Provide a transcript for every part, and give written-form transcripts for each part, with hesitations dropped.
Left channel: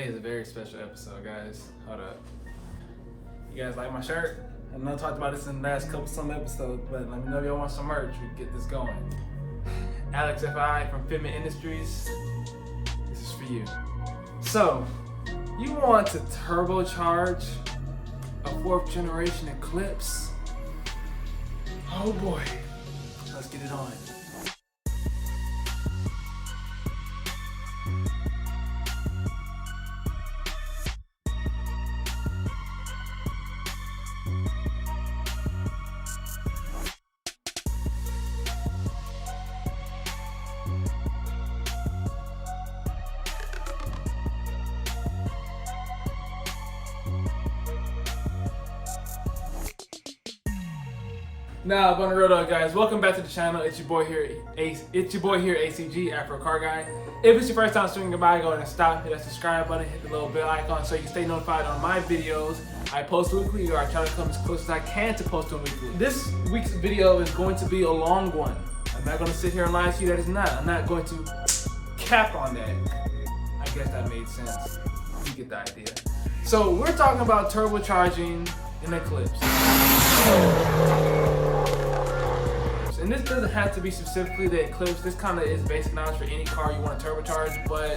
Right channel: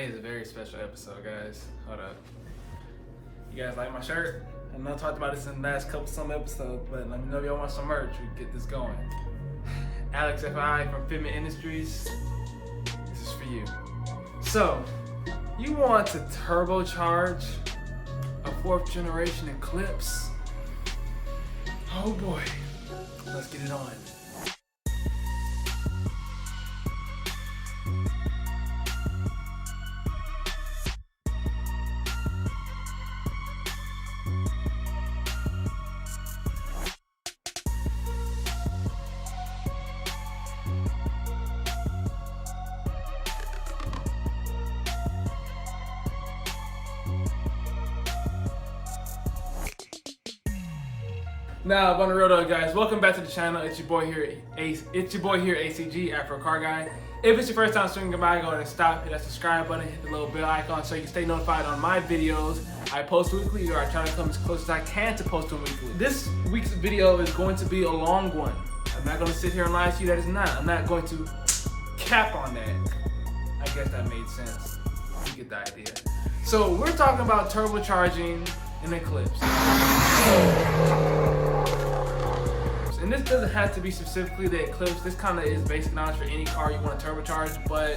Today is a very special episode, guys. Hold up. You guys like my shirt? I know I talked about this in the last some episodes, but let me know if y'all want some merch. We can get this going. Alex FI from Fitment Industries. This is for you. So, you want to turbocharge a 4th generation Eclipse? Oh boy. Let's get it on. Now, on the real though, guys, welcome back to the channel. It's your boy here, ACG, Afro Car Guy. If it's your first time swinging by, go ahead and stop, hit that subscribe button, hit the little bell icon so you can stay notified on my videos. I post weekly, or I try to come as close as I can to post them weekly. This week's video is going to be a long one. I'm not going to sit here and lie to you that it's not. I'm not going to cap on that. I guess that made sense. You get the idea. So we're talking about turbocharging an Eclipse. And this doesn't have to be specifically the Eclipse. This kind of is basic knowledge for any car you want to turbocharge, but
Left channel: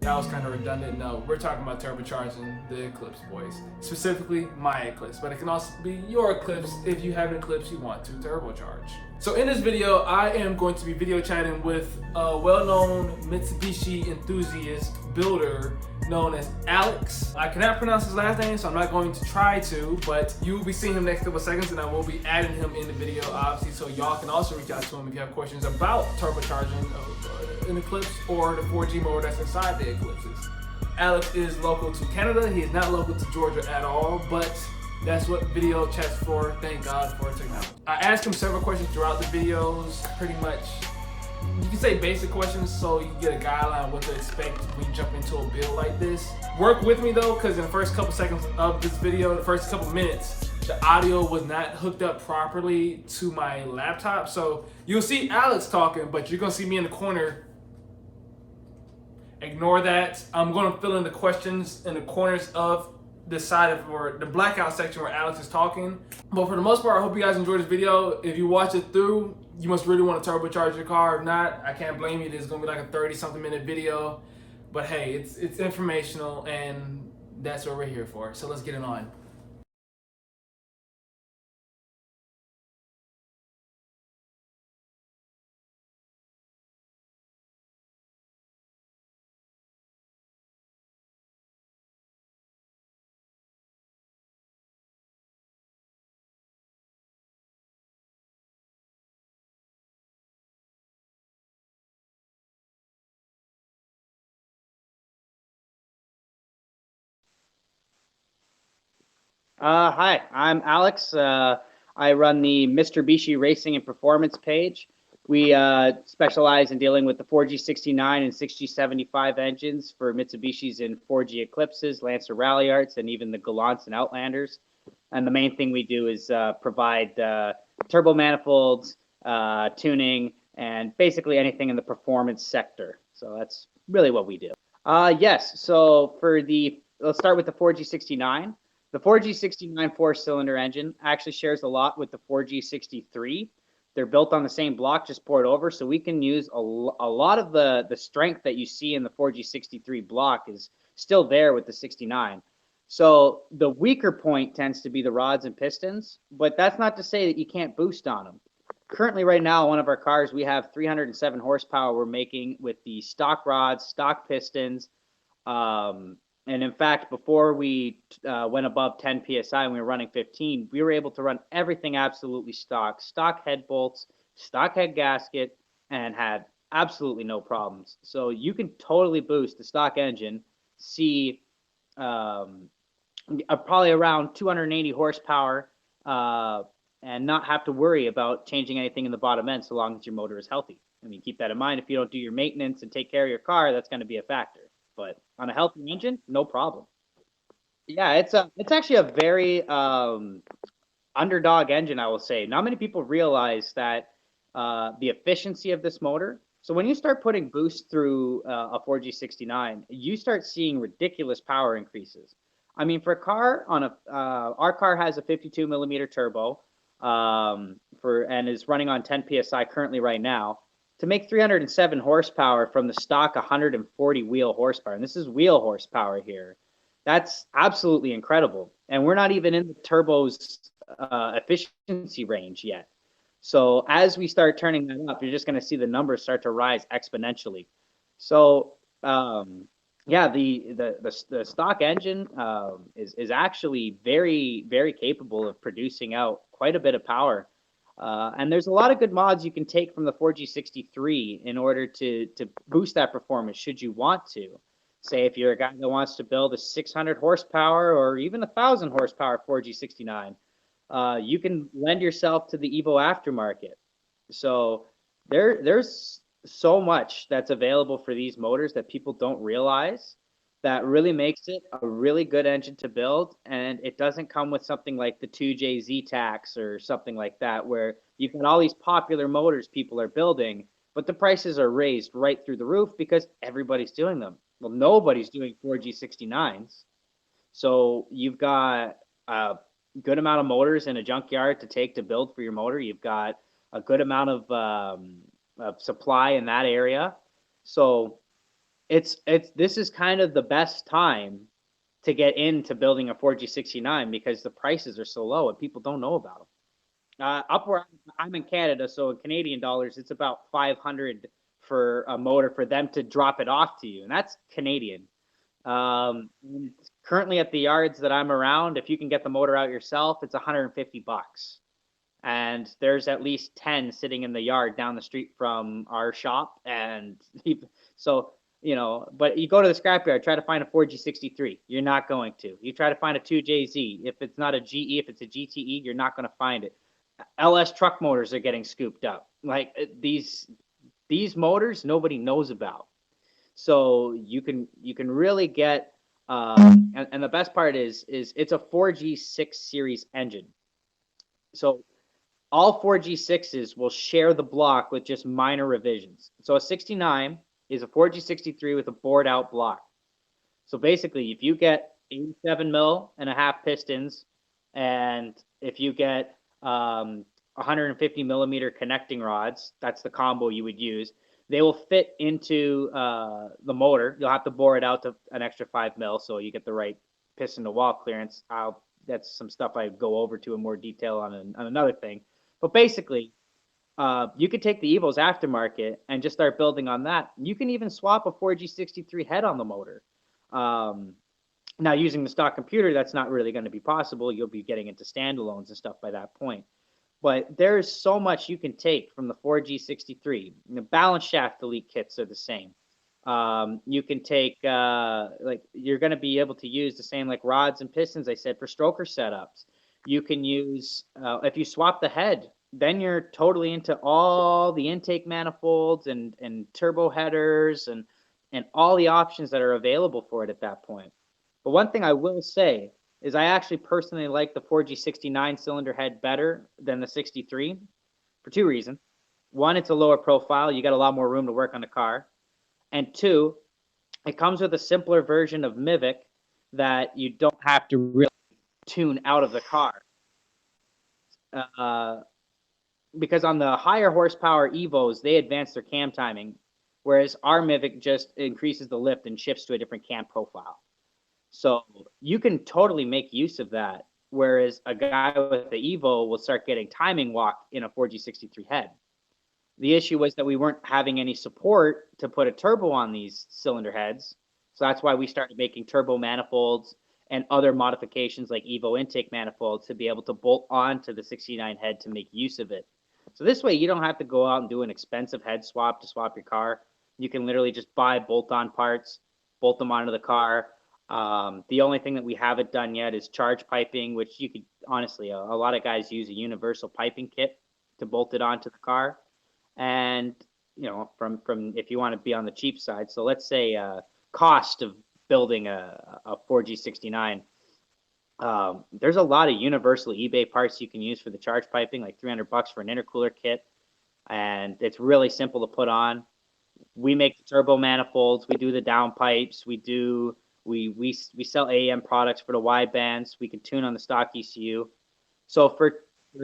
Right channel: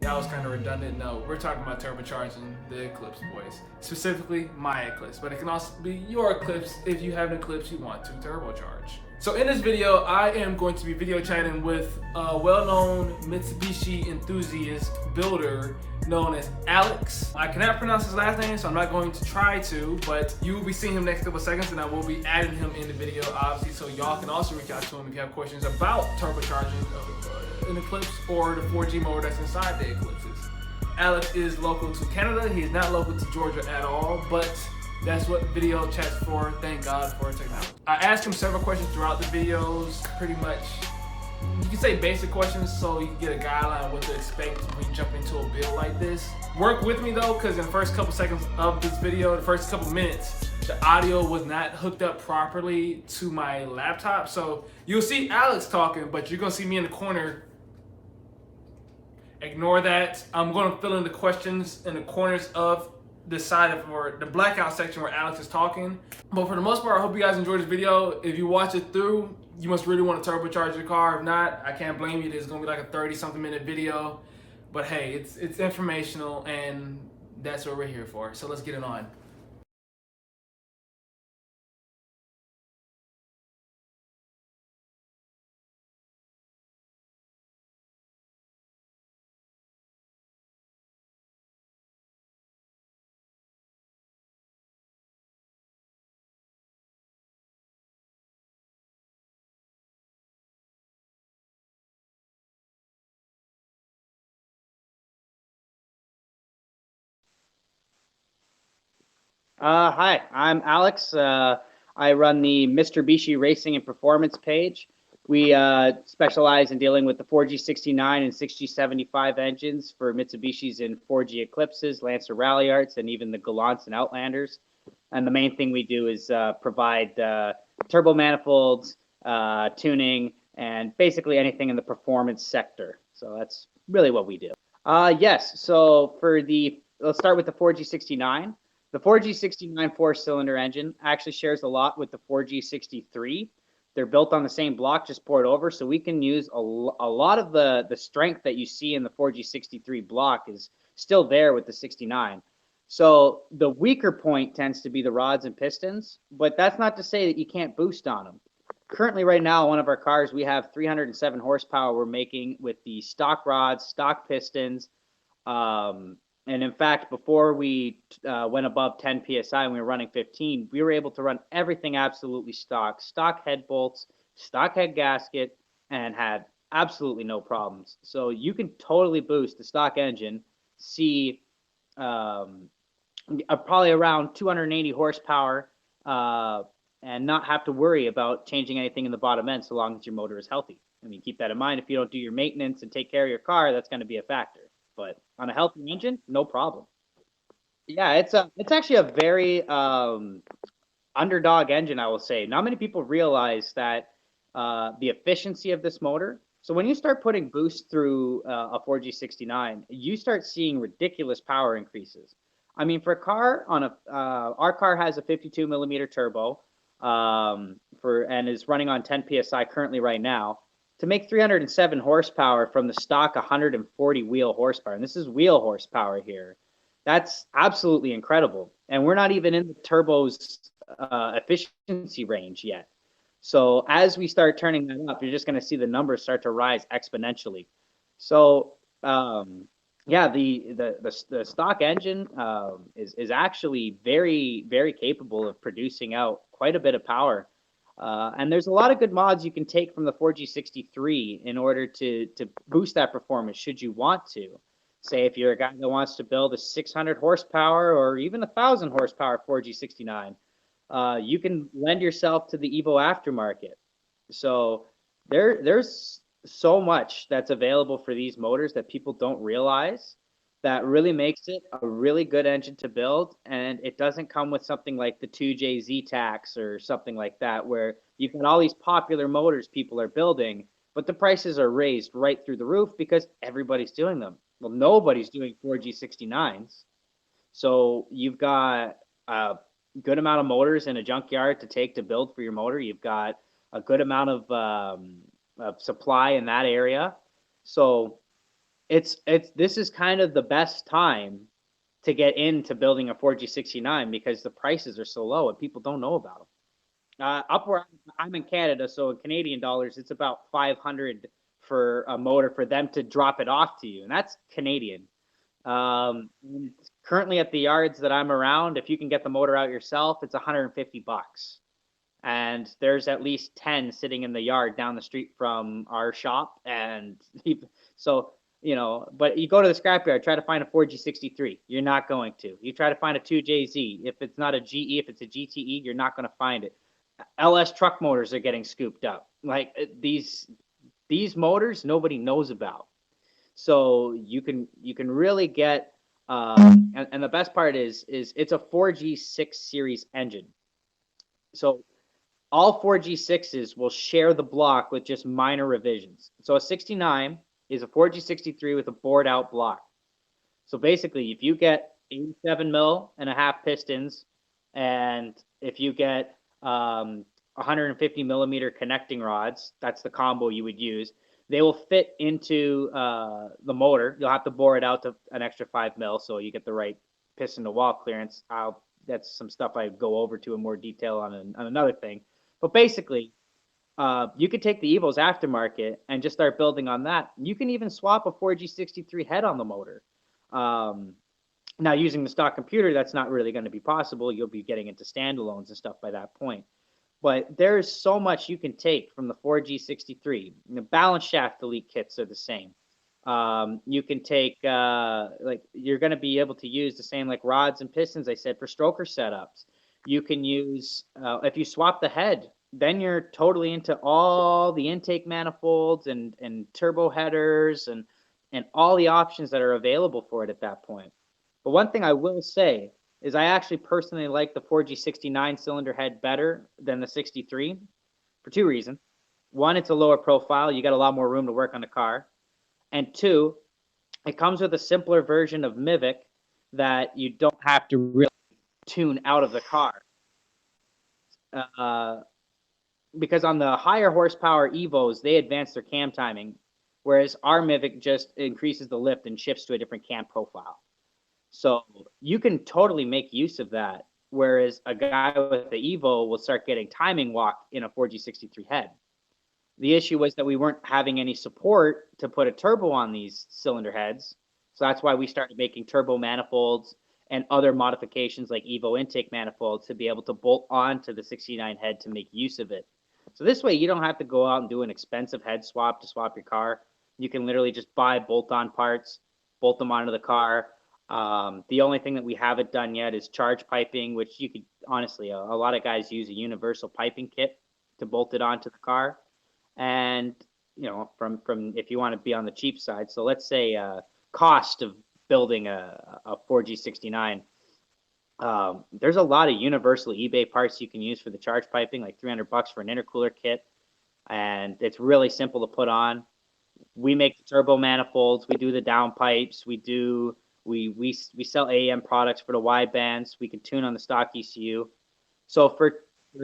that was kind of redundant. No, we're talking about turbocharging the Eclipse, boys. Specifically, my Eclipse, but it can also be your Eclipse if you have an Eclipse you want to turbocharge. So in this video, I am going to be video chatting with a well-known Mitsubishi enthusiast builder known as Alex. I cannot pronounce his last name, so I'm not going to try to, but you will be seeing him next couple seconds, and I will be adding him in the video, obviously, so y'all can also reach out to him if you have questions about turbocharging an Eclipse or the 4G motor that's inside the Eclipses. Alex is local to Canada. He is not local to Georgia at all, but that's what video chat's for. Thank God for technology. I asked him several questions throughout the videos, pretty much. You can say basic questions so you can get a guideline of what to expect when you jump into a build like this. Work with me though, because in the first couple seconds of this video, the first couple minutes, the audio was not hooked up properly to my laptop. So you'll see Alex talking, but you're gonna see me in the corner. Ignore that. I'm gonna fill in the questions in the corners of the side of, or the blackout section where Alex is talking. But for the most part, I hope you guys enjoyed this video. If you watch it through, you must really want to turbocharge your car. If not, I can't blame you. There's gonna be like a 30-something minute video. But hey, it's informational, and that's what we're here for. So let's get it on. Hi, I'm Alex. I run the Mr. Bishi Racing and Performance page. We specialize in dealing with the 4G69 and 6G75 engines for Mitsubishis and 4G Eclipses, Lancer Rally Arts, and even the Gallants and Outlanders. And the main thing we do is provide turbo manifolds, tuning, and basically anything in the performance sector. So that's really what we do. Yes, so let's start with the 4G69. The 4G69 4-cylinder engine actually shares a lot with the 4G63. They're built on the same block, just poured over, so we can use a lot of the strength that you see in the 4G63 block is still there with the 69. So the weaker point tends to be the rods and pistons, but that's not to say that you can't boost on them. Currently, right now, one of our cars, we have 307 horsepower we're making with the stock rods, stock pistons, and in fact, before we went above 10 PSI and we were running 15, we were able to run everything absolutely stock head bolts, stock head gasket, and had absolutely no problems. So you can totally boost the stock engine, see probably around 280 horsepower, and not have to worry about changing anything in the bottom end so long as your motor is healthy. I mean, keep that in mind. If you don't do your maintenance and take care of your car, that's going to be a factor. But on a healthy engine, no problem. Yeah, it's actually a very underdog engine, I will say. Not many people realize that the efficiency of this motor. So when you start putting boost through a 4G69, you start seeing ridiculous power increases. I mean, for a car on a our car has a 52 millimeter turbo and is running on 10 psi currently right now. To make 307 horsepower from the stock 140 wheel horsepower, and this is wheel horsepower here, that's absolutely incredible. And we're not even in the turbo's efficiency range yet. So as we start turning that up, you're just going to see the numbers start to rise exponentially. So yeah, the stock engine is actually very capable of producing out quite a bit of power. And there's a lot of good mods you can take from the 4G63 in order to boost that performance should you want to. Say if you're a guy that wants to build a 600 horsepower or even 1,000 horsepower 4G69, you can lend yourself to the Evo aftermarket. So there's so much that's available for these motors that people don't realize that really makes it a really good engine to build, and it doesn't come with something like the 2JZ tax or something like that, where you've got all these popular motors people are building, but the prices are raised right through the roof because everybody's doing them. Well, nobody's doing 4G69s. So you've got a good amount of motors in a junkyard to take to build for your motor. You've got a good amount of supply in that area. So this is kind of the best time to get into building a 4G69 because the prices are so low and people don't know about them. Up where I'm in Canada, so in Canadian dollars, it's about 500 for a motor for them to drop it off to you, and that's Canadian. Currently at the yards that I'm around, if you can get the motor out yourself, it's 150 bucks. And there's at least 10 sitting in the yard down the street from our shop. And so, but you go to the scrapyard, try to find a 4G63. You're not going to. You try to find a 2JZ. If it's not a GE, if it's a GTE, you're not going to find it. LS truck motors are getting scooped up. Like these motors, nobody knows about. So you can really get, and the best part is it's a 4G6 series engine. So all 4G6s will share the block with just minor revisions. So a 69 is a 4G63 with a bored out block. So basically, if you get 87 mil and a half pistons, and if you get 150 millimeter connecting rods, that's the combo you would use. They will fit into the motor. You'll have to bore it out to an extra 5 mil so you get the right piston to wall clearance. That's some stuff I go over to in more detail on another thing. But basically, you could take the Evo's aftermarket and just start building on that. You can even swap a 4G63 head on the motor. Now, using the stock computer, that's not really going to be possible. You'll be getting into standalones and stuff by that point. But there's so much you can take from the 4G63. The balance shaft delete kits are the same. You can take, you're going to be able to use the same like rods and pistons I said for stroker setups. You can use, if you swap the head, then you're totally into all the intake manifolds and turbo headers and all the options that are available for it at that point. But one thing I will say is I actually personally like the 4G69 cylinder head better than the 63 for two reasons. One, it's a lower profile. You got a lot more room to work on the car. And two, it comes with a simpler version of Mivic that you don't have to really tune out of the car. Because on the higher horsepower Evos, they advance their cam timing, whereas our Mivic just increases the lift and shifts to a different cam profile. So you can totally make use of that, whereas a guy with the Evo will start getting timing walk in a 4G63 head. The issue was that we weren't having any support to put a turbo on these cylinder heads, so that's why we started making turbo manifolds and other modifications like Evo intake manifolds to be able to bolt onto the 69 head to make use of it. So this way you don't have to go out and do an expensive head swap to swap your car. You can literally just buy bolt-on parts, bolt them onto the car. The only thing that we haven't done yet is charge piping, which you could honestly, a lot of guys use a universal piping kit to bolt it onto the car. And, from if you want to be on the cheap side, so let's say cost of building a 4G69, there's a lot of universal eBay parts you can use for the charge piping, like $300 for an intercooler kit. And it's really simple to put on. we make the turbo manifolds, we do the downpipes, we sell AEM products for the wide bands. We can tune on the stock ECU. So for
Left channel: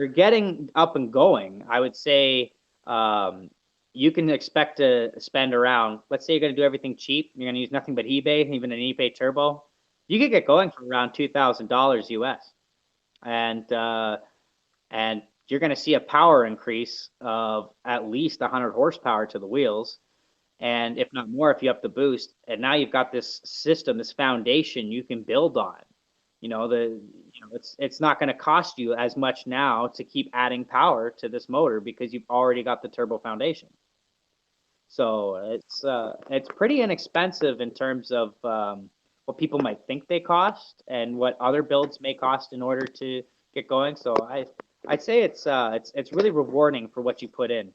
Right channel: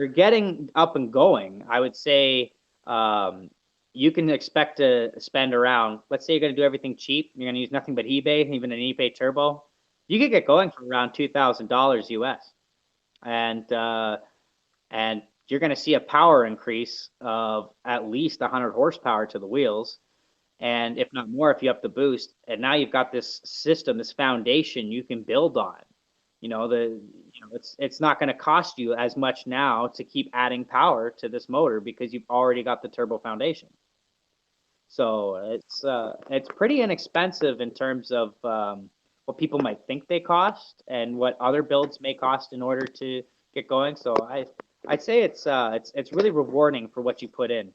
getting up and going, I would say you can expect to spend around. Let's say you're going to do everything cheap. You're going to use nothing but eBay, even an eBay turbo. You could get going for around $2,000 US, and you're going to see a power increase of at least 100 horsepower to the wheels, and if not more, if you up the boost. And now you've got this system, this foundation you can build on. It's not going to cost you as much now to keep adding power to this motor because you've already got the turbo foundation. So it's pretty inexpensive in terms of what people might think they cost and what other builds may cost in order to get going. So I'd say it's really rewarding for what you put in.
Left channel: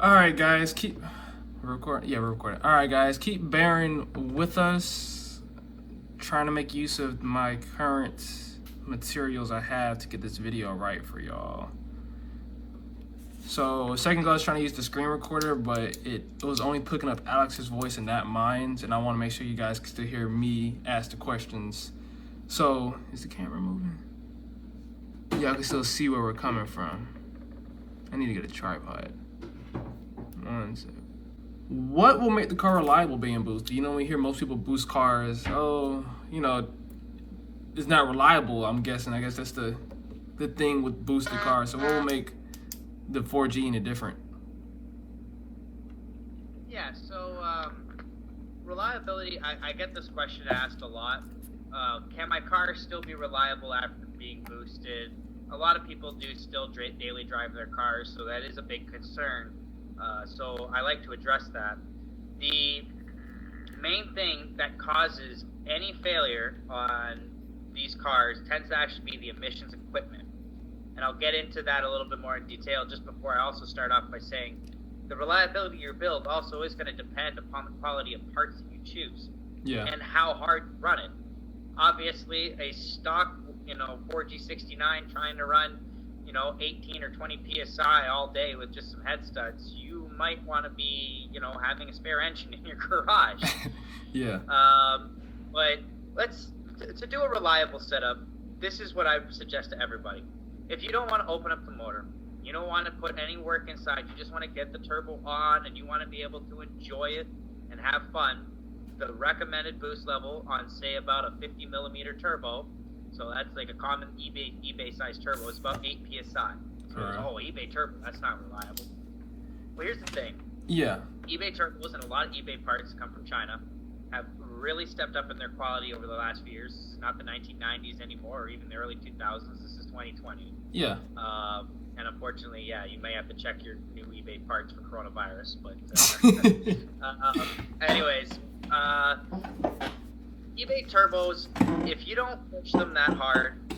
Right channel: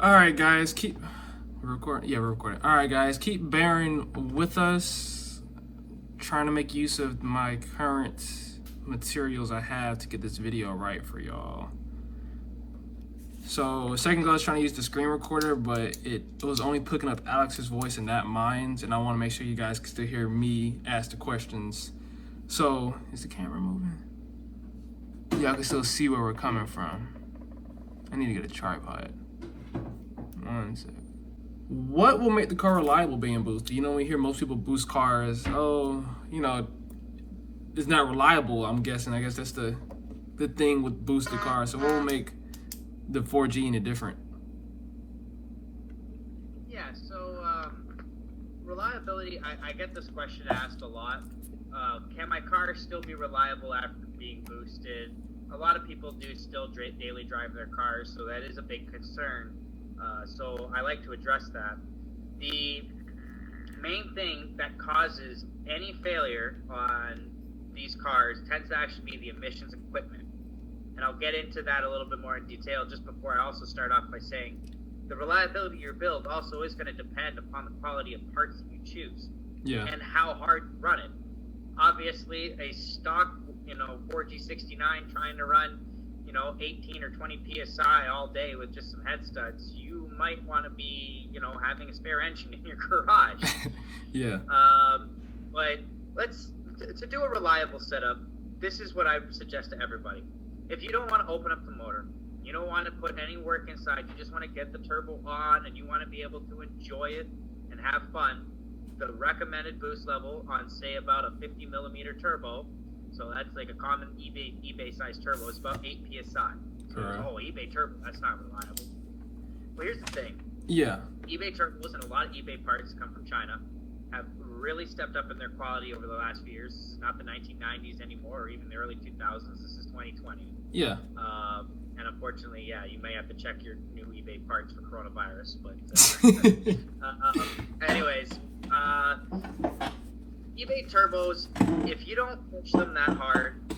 All right, guys, we're recording. All right, guys, keep bearing with us. Trying to make use of my current materials I have to get this video right for y'all. So a second ago I was trying to use the screen recorder, but it was only picking up Alex's voice and not mine, and I want to make sure you guys can still hear me ask the questions. So is the camera moving? Y'all can still see where we're coming from. I need to get a tripod. One sec. What will make the car reliable being boosted? We hear most people boost cars. It's not reliable, I'm guessing. I guess that's the thing with boosted cars. So what will make the 4G any different? Yeah, so reliability, I get this question asked a lot. Can my car still be reliable after being boosted? A lot of people do still daily drive their cars, so that is a big concern. So I like to address that. The main thing that causes any failure on these cars tends to actually be the emissions equipment. And I'll get into that a little bit more in detail just before I also start off by saying the reliability of your build also is going to depend upon the quality of parts that you choose. Yeah. And how hard you run it. Obviously, a stock, 4G69 trying to run 18 or 20 psi all day with just some head studs, you might want to be, having a spare engine in your garage. Yeah. But to do a reliable setup, this is what I would suggest to everybody. If you don't want to open up the motor, you don't want to put any work inside, you just want to get the turbo on and you want to be able to enjoy it and have fun, the recommended boost level on, say, about a 50 millimeter turbo, so that's like a common eBay size turbo, is about 8 psi. So, eBay turbo, that's not reliable. Well, here's the thing. Yeah. eBay turbos and a lot of eBay parts come from China have really stepped up in their quality over the last few years. This is not the 1990s anymore, or even the early 2000s. This is 2020. Yeah. And unfortunately, yeah, you may have to check your new eBay parts for coronavirus. But anyways, eBay turbos, if you don't push them that hard,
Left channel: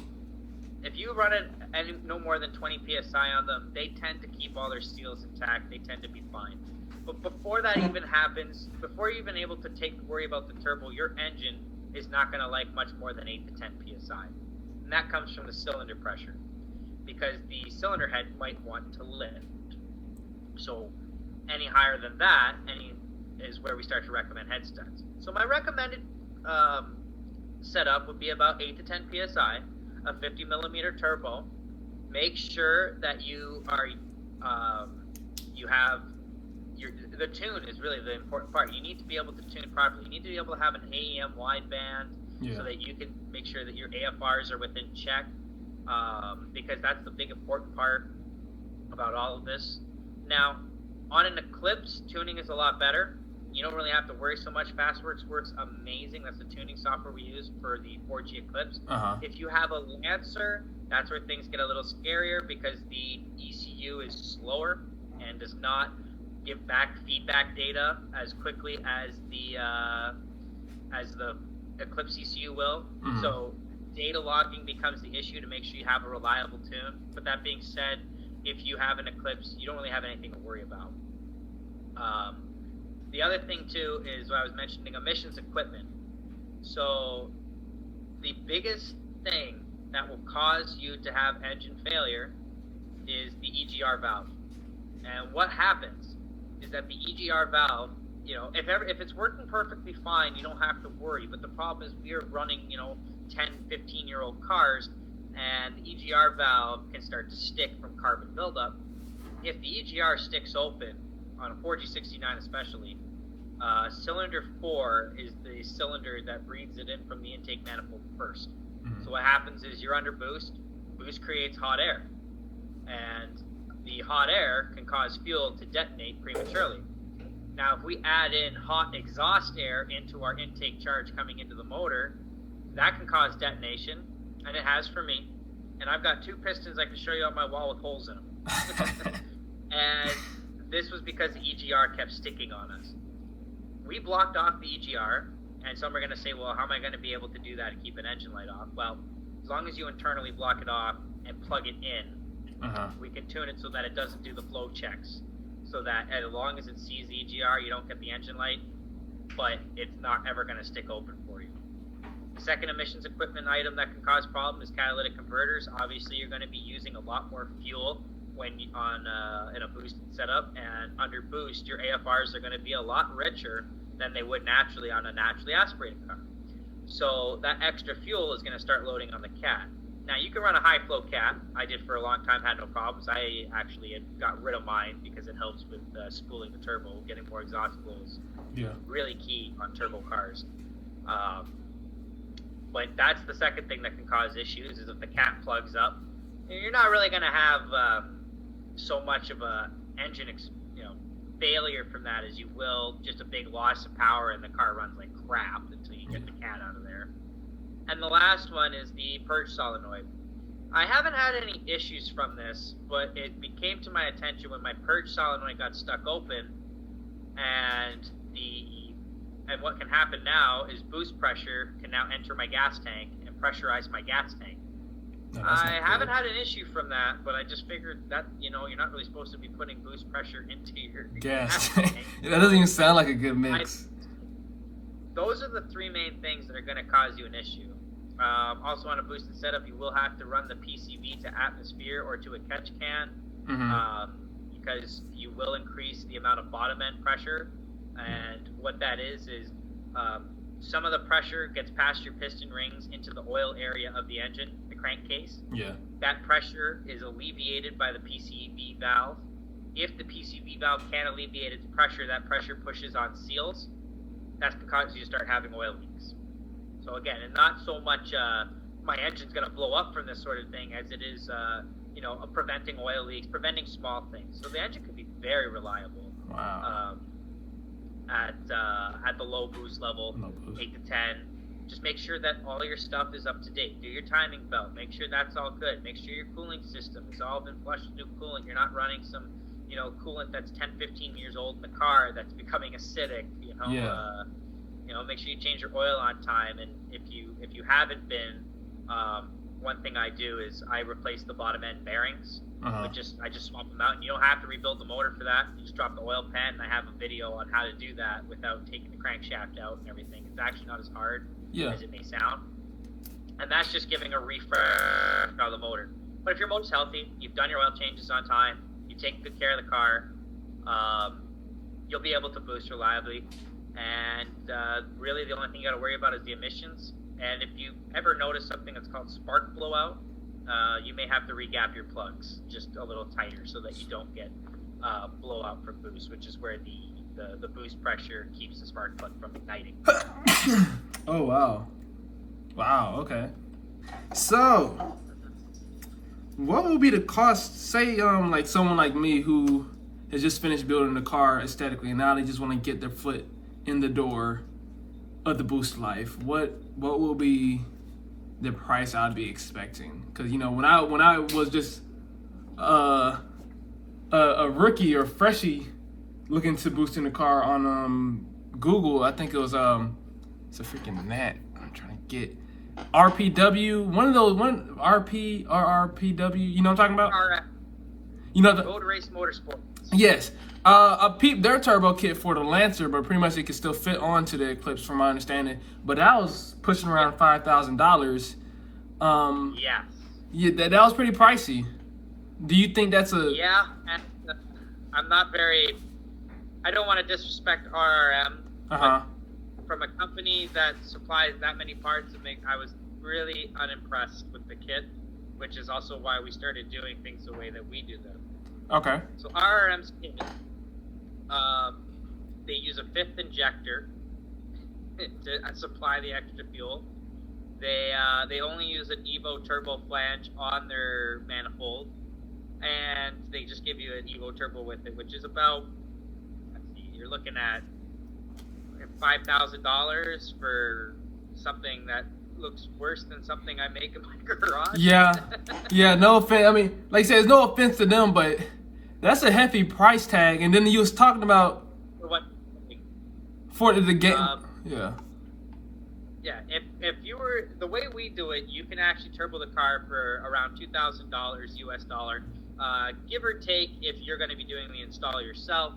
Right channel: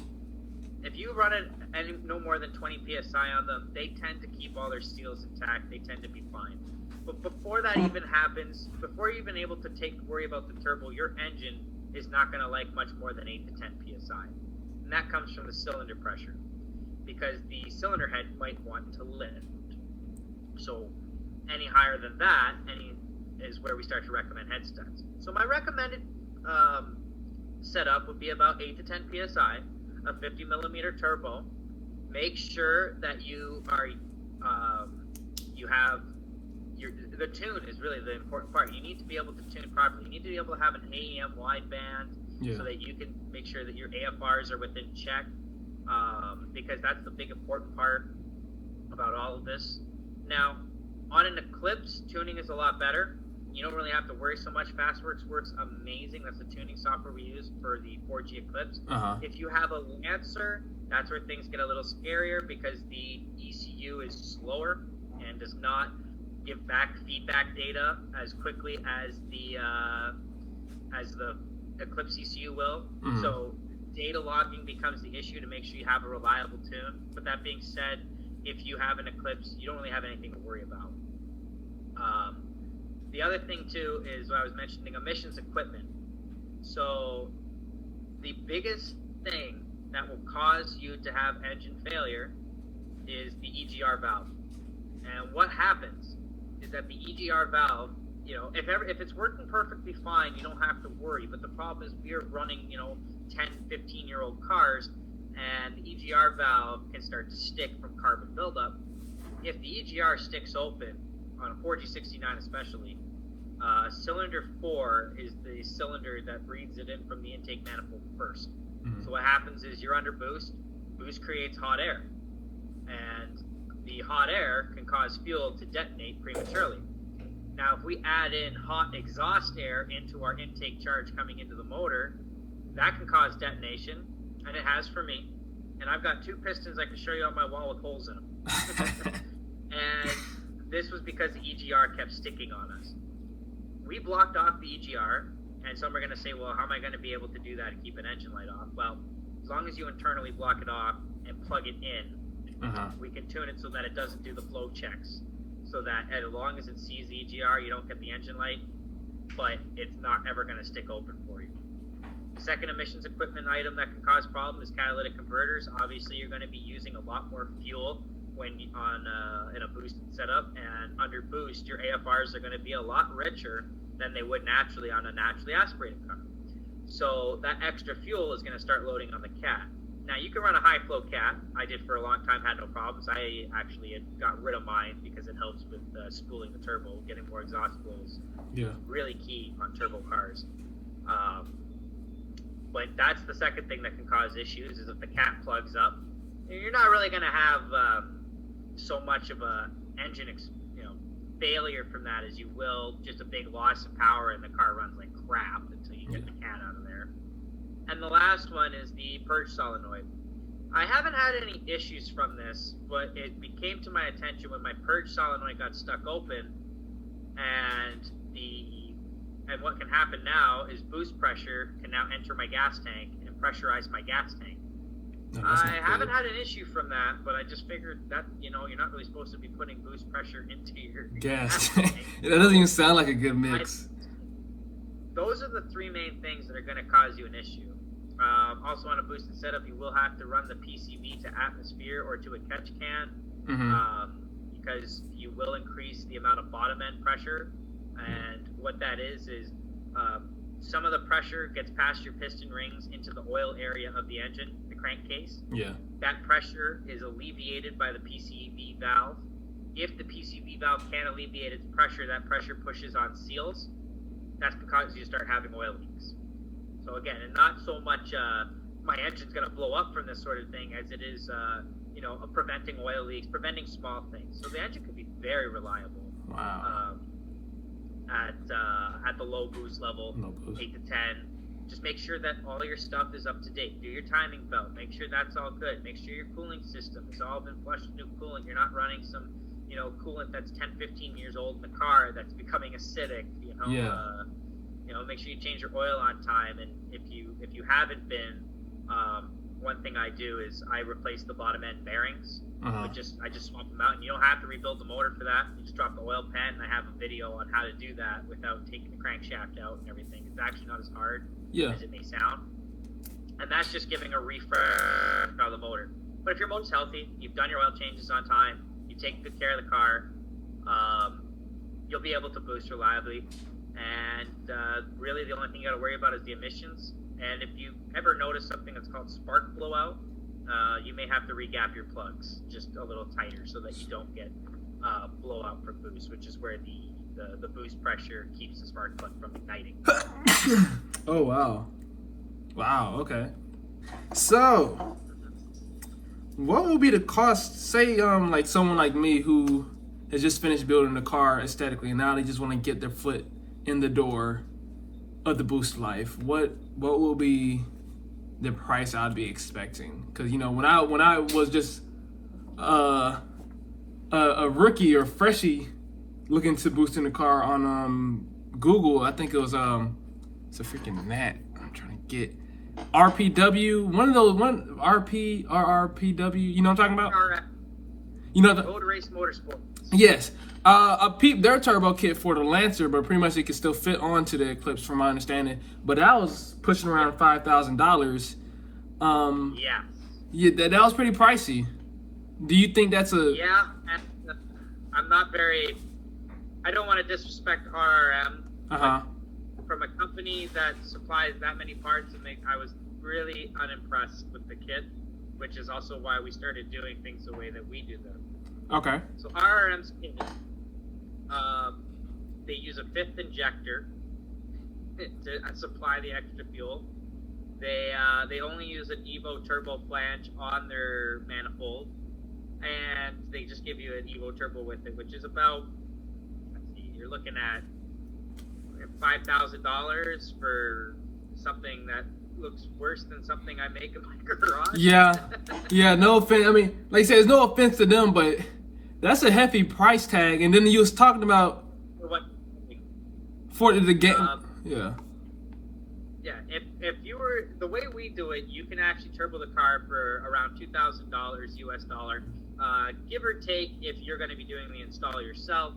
if you run it at no more than 20 psi on them, they tend to keep all their seals intact. They tend to be fine. But before that even happens, before you're even able to worry about the turbo, your engine is not going to like much more than 8 to 10 psi. And that comes from the cylinder pressure, because the cylinder head might want to lift. So any higher than that, is where we start to recommend head studs. So my recommended setup would be about 8 to 10 psi, a 50 millimeter turbo. Make sure that you are you have the tune is really the important part. You need to be able to tune properly. You need to be able to have an AEM wideband, so that you can make sure that your AFRs are within check, because that's the big important part about all of this. Now, on an Eclipse, tuning is a lot better. You don't really have to worry so much. Fastworks works amazing. That's the tuning software we use for the 4G Eclipse. If you have a Lancer, that's where things get a little scarier, because the ECU is slower and does not give back feedback data as quickly as the Eclipse ECU will. So data logging becomes the issue to make sure you have a reliable tune. But that being said, if you have an Eclipse, you don't really have anything to worry about. The other thing too is what I was mentioning, emissions equipment. So the biggest thing that will cause you to have engine failure is the EGR valve. And what happens is that the EGR valve, if it's working perfectly fine, you don't have to worry. But the problem is we're running, 10, 15-year-old cars, and the EGR valve can start to stick from carbon buildup. If the EGR sticks open, on a 4G69 especially, cylinder 4 is the cylinder that breathes it in from the intake manifold first. So what happens is you're under boost creates hot air, and the hot air can cause fuel to detonate prematurely. Now, if we add in hot exhaust air into our intake charge coming into the motor, that can cause detonation, and it has for me. And I've got 2 pistons I can show you on my wall with holes in them. And this was because the EGR kept sticking on us. We blocked off the EGR, and some are going to say, well, how am I going to be able to do that and keep an engine light off? Well, as long as you internally block it off and plug it in, we can tune it so that it doesn't do the flow checks. So that as long as it sees the EGR, you don't get the engine light, but it's not ever going to stick open for you. The second emissions equipment item that can cause problems is catalytic converters. Obviously, you're going to be using a lot more fuel when in a boosted setup, and under boost, your AFRs are going to be a lot richer than they would naturally on a naturally aspirated car. So that extra fuel is going to start loading on the cat. Now, you can run a high-flow cat. I did for a long time, had no problems. I actually got rid of mine because it helps with spooling the turbo, getting more exhaust flows. Yeah. Really key on turbo cars. But that's the second thing that can cause issues, is if the cat plugs up. You're not really going to have so much of a engine failure from that as you will just a big loss of power, and the car runs like crap until you get the cat out of there. And the last one is the purge solenoid. I haven't had any issues from this, but it came to my attention when my purge solenoid got stuck open, and what can happen now is boost pressure can now enter my gas tank and pressurize my gas tank. No, I haven't had an issue from that, but I just figured that, you're not really supposed to be putting boost pressure into your gas tank. That doesn't even sound like a good mix. Those are the 3 main things that are going to cause you an issue. Also, on a boosted setup, you will have to run the PCV to atmosphere or to a catch can, because you will increase the amount of bottom end pressure. And what that is some of the pressure gets past your piston rings into the oil area of the engine, the crankcase. Yeah. That pressure is alleviated by the PCV valve. If the PCV valve can't alleviate its pressure, that pressure pushes on seals. That's going to cause you to start having oil leaks. So again, and not so much my engine's going to blow up from this sort of thing as it is, preventing oil leaks, preventing small things. So the engine could be very reliable. Wow. At the low boost level, 8 to 10. Just make sure that all your stuff is up to date. Do your timing belt. Make sure that's all good. Make sure your cooling system has all been flushed with new coolant. You're not running some, coolant that's 10, 15 years old in the car that's becoming acidic. Make sure you change your oil on time. And if you haven't been, one thing I do is I replace the bottom end bearings. I just swap them out, and you don't have to rebuild the motor for that. You just drop the oil pan, and I have a video on how to do that without taking the crankshaft out and everything. It's actually not as hard as it may sound. And that's just giving a refresh of the motor. But if your motor's healthy, you've done your oil changes on time, you take good care of the car, you'll be able to boost reliably. And really the only thing you got to worry about is the emissions. And if you ever notice something that's called spark blowout, you may have to regap your plugs just a little tighter so that you don't get blowout from boost, which is where the boost pressure keeps the spark plug from igniting. Oh, wow. Wow, okay. So, what will be the cost, say, like someone like me who has just finished building the car aesthetically, and now they just want to get their foot in the door of the boost life, what will be the price I'd be expecting? Because when I was just a rookie or freshie looking to boost in the car on Google, I think it was it's a freaking Matt I'm trying to get RPW, RRPW, you know what I'm talking about? RF. Road Race Motorsport. Yes. I peeped their turbo kit for the Lancer, but pretty much it could still fit onto the Eclipse from my understanding. But that was pushing around $5,000. Yeah, that was pretty pricey. Do you think that's a... Yeah, and I'm not very I don't want to disrespect RRM, Uh-huh. but from a company that supplies that many parts, I was really unimpressed with the kit, which is also why we started doing things the way that we do them. Okay. So RRM's kit, they use a fifth injector to supply the extra fuel. They only use an Evo turbo flange on their manifold, and they just give you an Evo turbo with it, which is about, let's see, you're looking at $5,000 for something that looks worse than something I make in my garage. Yeah, no offense. I mean, like I said, there's no offense to them, but that's a hefty price tag. And then you was talking about For what? for the game. Yeah. Yeah, if you were, the way we do it, you can actually turbo the car for around $2,000 US dollar, give or take, if you're going to be doing the install yourself,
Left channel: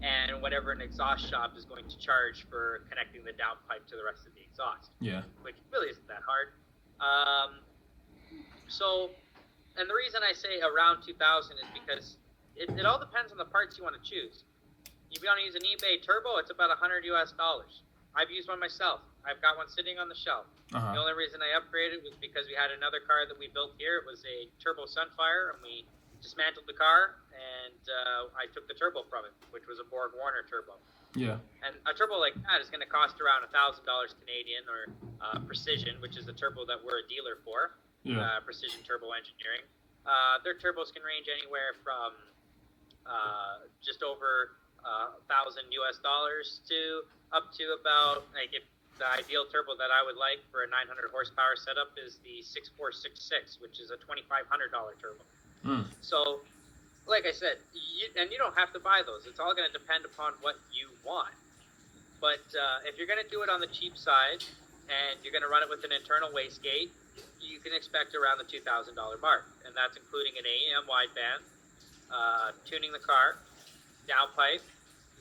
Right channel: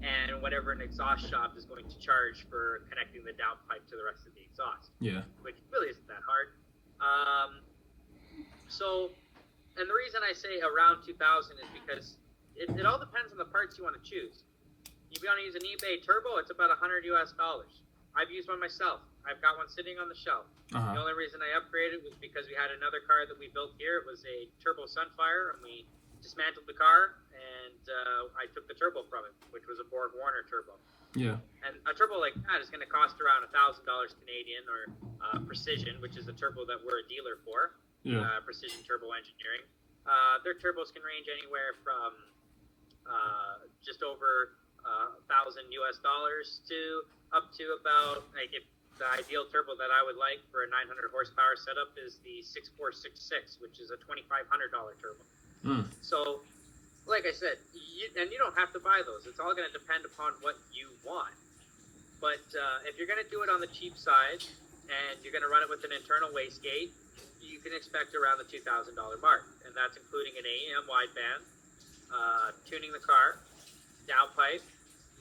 and whatever an exhaust shop is going to charge for connecting the downpipe to the rest of the exhaust. Yeah. Which really isn't that hard. So, and the reason I say around 2,000 is because it all depends on the parts you want to choose. If you want to use an eBay turbo, it's about $100 US. I've used one myself. I've got one sitting on the shelf. Uh-huh. The only reason I upgraded was because we had another car that we built here. It was a turbo Sunfire, and we dismantled the car, and I took the turbo from it, which was a Borg Warner turbo. Yeah. And a turbo like that is going to cost around $1,000 Canadian, or Precision, which is the turbo that we're a dealer for. Yeah. Precision Turbo Engineering. Their turbos can range anywhere from just over $1,000 US to up to about, like, if the ideal turbo that I would like for a 900 horsepower setup is the 6466, which is a $2,500 turbo. So, like I said, you don't have to buy those. It's all going to depend upon what you want. But if you're going to do it on the cheap side, and you're going to run it with an internal wastegate, you can expect around the $2,000 mark. And that's including an AEM wideband, tuning the car, downpipe,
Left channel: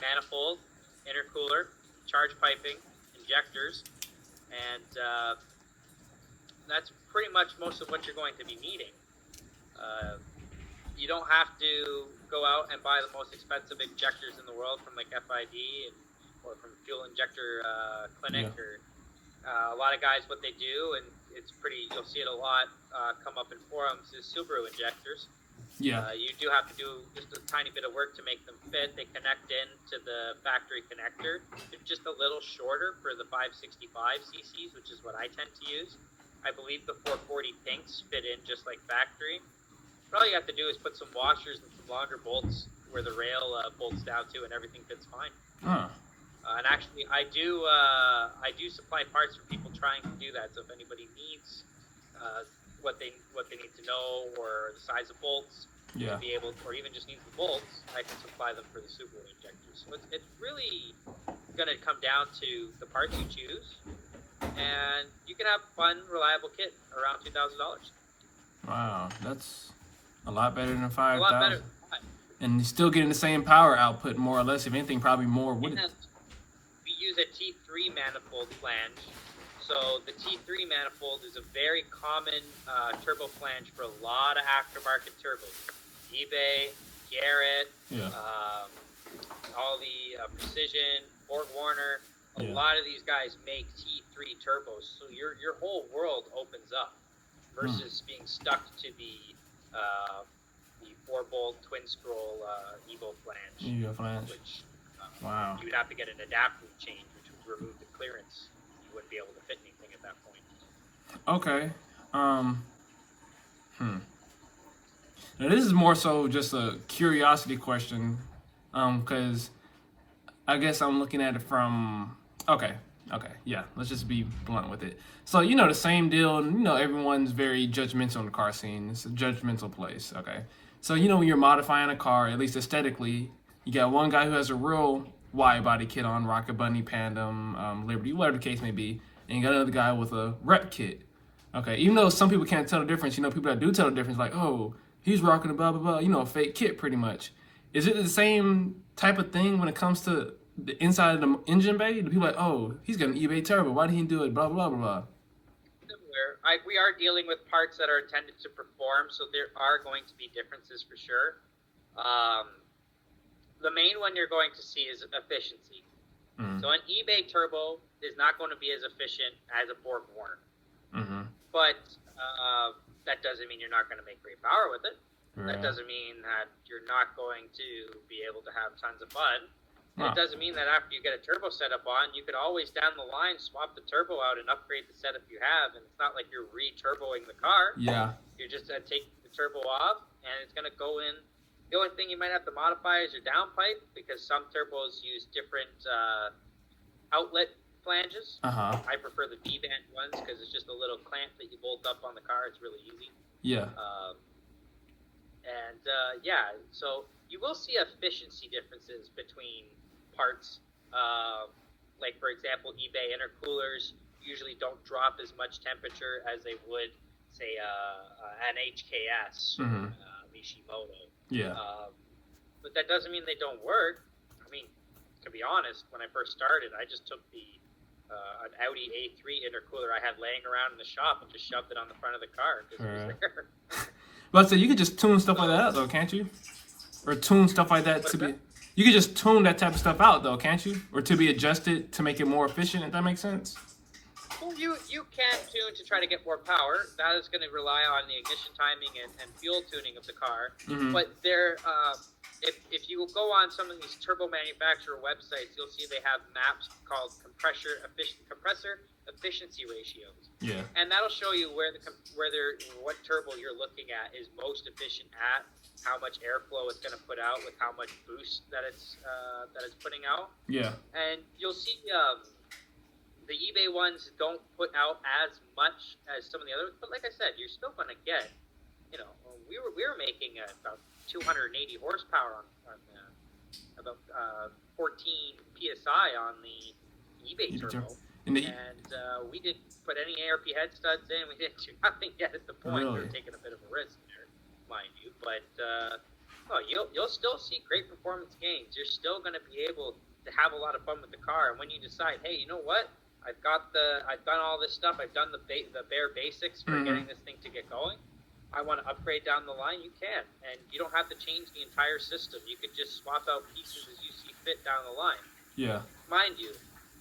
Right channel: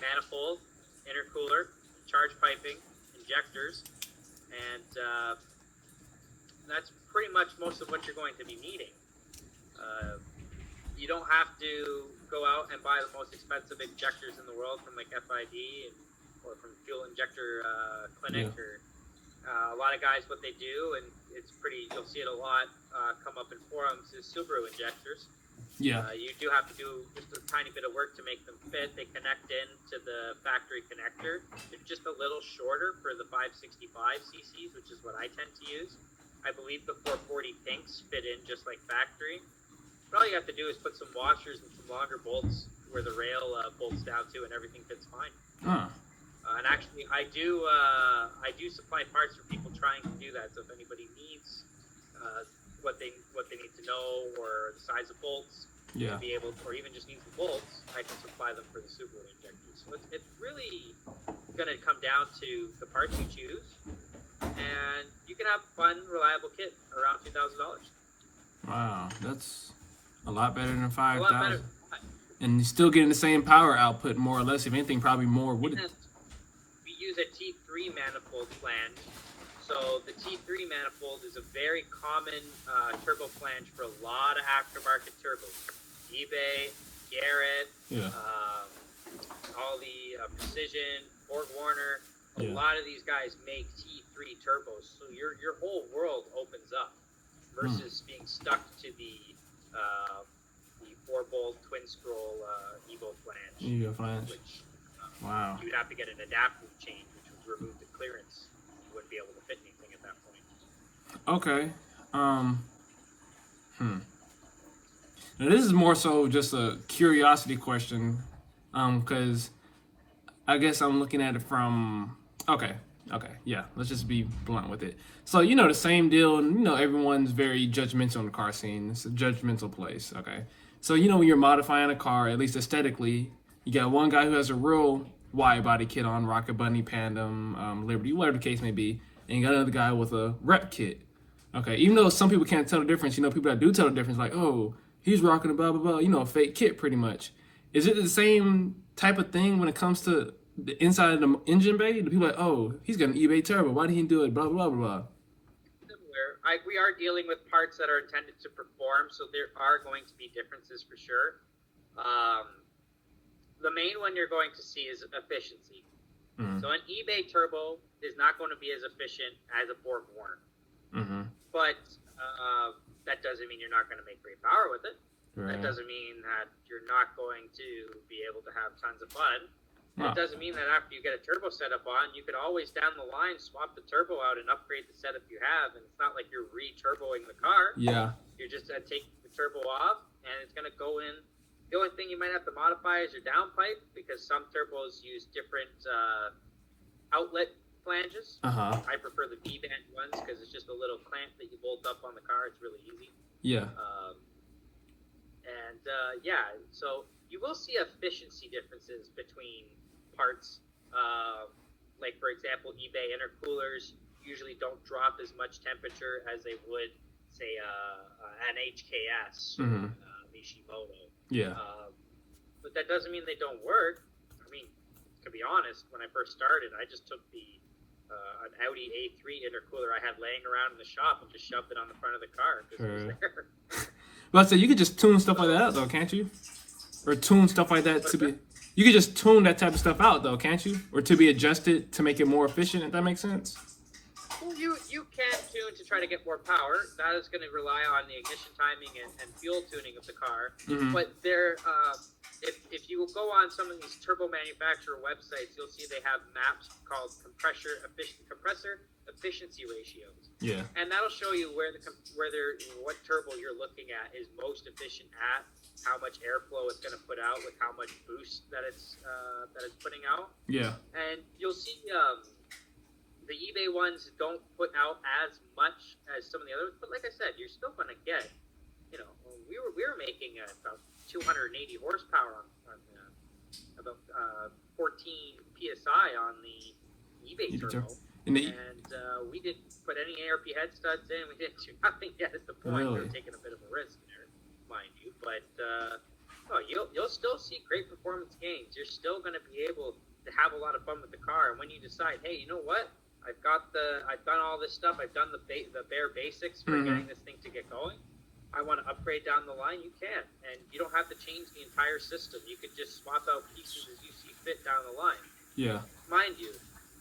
manifold, intercooler, charge piping, injectors, and that's pretty much most of what you're going to be needing. You don't have to go out and buy the most expensive injectors in the world from like FID or from Fuel Injector Clinic. Yeah. Or a lot of guys, what they do, and it's pretty, you'll see it a lot come up in forums, is Subaru injectors. Yeah. You do have to do just a tiny bit of work to make them fit. They connect into the factory connector. It's just a little shorter for the 565 cc's, which is what I tend to use. I believe the 440 pinks fit in just like factory. But all you have to do is put some washers and some longer bolts where the rail bolts down to, and everything fits fine. And actually, I do supply parts for people trying to do that. So if anybody needs what they need to know, or the size of bolts, Yeah. to be able, or even just needs the bolts, I can supply them for the Subaru injectors. So it's really going to come down to the parts you choose, and you can have a fun, reliable kit around $2,000. Wow, that's a lot better than A lot better. 5,000. And you're still getting the same power output, more or less. If anything, probably more. Would it? And we use a T3 manifold flange. So the T3 manifold is a very common turbo flange for a lot of aftermarket turbos. eBay, Garrett, Yeah. all the Precision, Borg Warner. A Yeah. lot of these guys make T3 turbos, so your whole world opens up versus being stuck to the 4-bolt twin scroll Evo flange, Evo flange. which Wow. you would have to get an adaptive change, which would remove the clearance. You wouldn't be able to fit anything at that point. Okay. Now this is more so just a curiosity question, because I guess I'm looking at it from. Okay. Yeah. Let's just be blunt with it. So the same deal, and everyone's very judgmental in the car scene. It's a judgmental place. Okay. So when you're modifying a car, at least aesthetically, you got one guy who has a real wide body kit on, Rocket Bunny, Pandem, Liberty, whatever the case may be, and you got another guy with a rep kit. Okay, even though some people can't tell the difference, people that do tell the difference, like, oh, he's rocking a blah blah blah, fake kit pretty much. Is it the same type of thing when it comes to the inside of the engine bay? The people like, oh, he's got an eBay turbo, why did he do it? Blah blah blah blah. Similar. We are dealing with parts that are intended to perform, so there are going to be differences for sure. the main one you're going to see is efficiency. Mm-hmm. So an eBay turbo is not going to be as efficient as a Borg Warner. Mm-hmm. But that doesn't mean you're not going to make great power with it. Right. That doesn't mean that you're not going to be able to have tons of fun. Huh. It doesn't mean that after you get a turbo setup on, you could always down the line swap the turbo out and upgrade the setup you have. And it's not like you're re-turboing the car. Yeah. You're just taking the turbo off, and it's going to go in. The only thing you might have to modify is your downpipe, because some turbos use different outlet flanges. Uh-huh. I prefer the V-band ones because it's just a little clamp that you bolt up on the car. It's really easy. Yeah. So you will see efficiency differences between parts. Like, for example, eBay intercoolers usually don't drop as much temperature as they would, say, an HKS, Mm-hmm. Mishimoto. Yeah. But that doesn't mean they don't work. I mean, to be honest, when I first started, I just took an Audi A3 intercooler I had laying around in the shop and just shoved it on the front of the car. It was there. But so you could just tune stuff like that, though, can't you? Or tune stuff like that You could just tune that type of stuff out, though, can't you? Or to be adjusted to make it more efficient, if that makes sense. Well, you can tune to try to get more power. That is going to rely on the ignition timing and fuel tuning of the car. Mm-hmm. But if you go on some of these turbo manufacturer websites, you'll see they have maps called compressor efficiency ratios. Yeah. And that'll show you what turbo you're looking at is most efficient at, how much airflow it's going to put out with how much boost that it's putting out. Yeah. And you'll see the eBay ones don't put out as much as some of the others, but like I said, you're still going to get, we were making about 280 horsepower on about 14 psi on the eBay turbo, and we didn't put any ARP head studs in. We didn't do nothing yet at the point. We were taking a bit of a risk there, mind you, but you'll still see great performance gains. You're still going to be able to have a lot of fun with the car, and when you decide, hey, you know what? I've done all this stuff. I've done the bare basics for getting this thing to get going. I want to upgrade down the line. You can, and you don't have to change the entire system. You could just swap out pieces as you see fit down the line. Yeah. Mind you,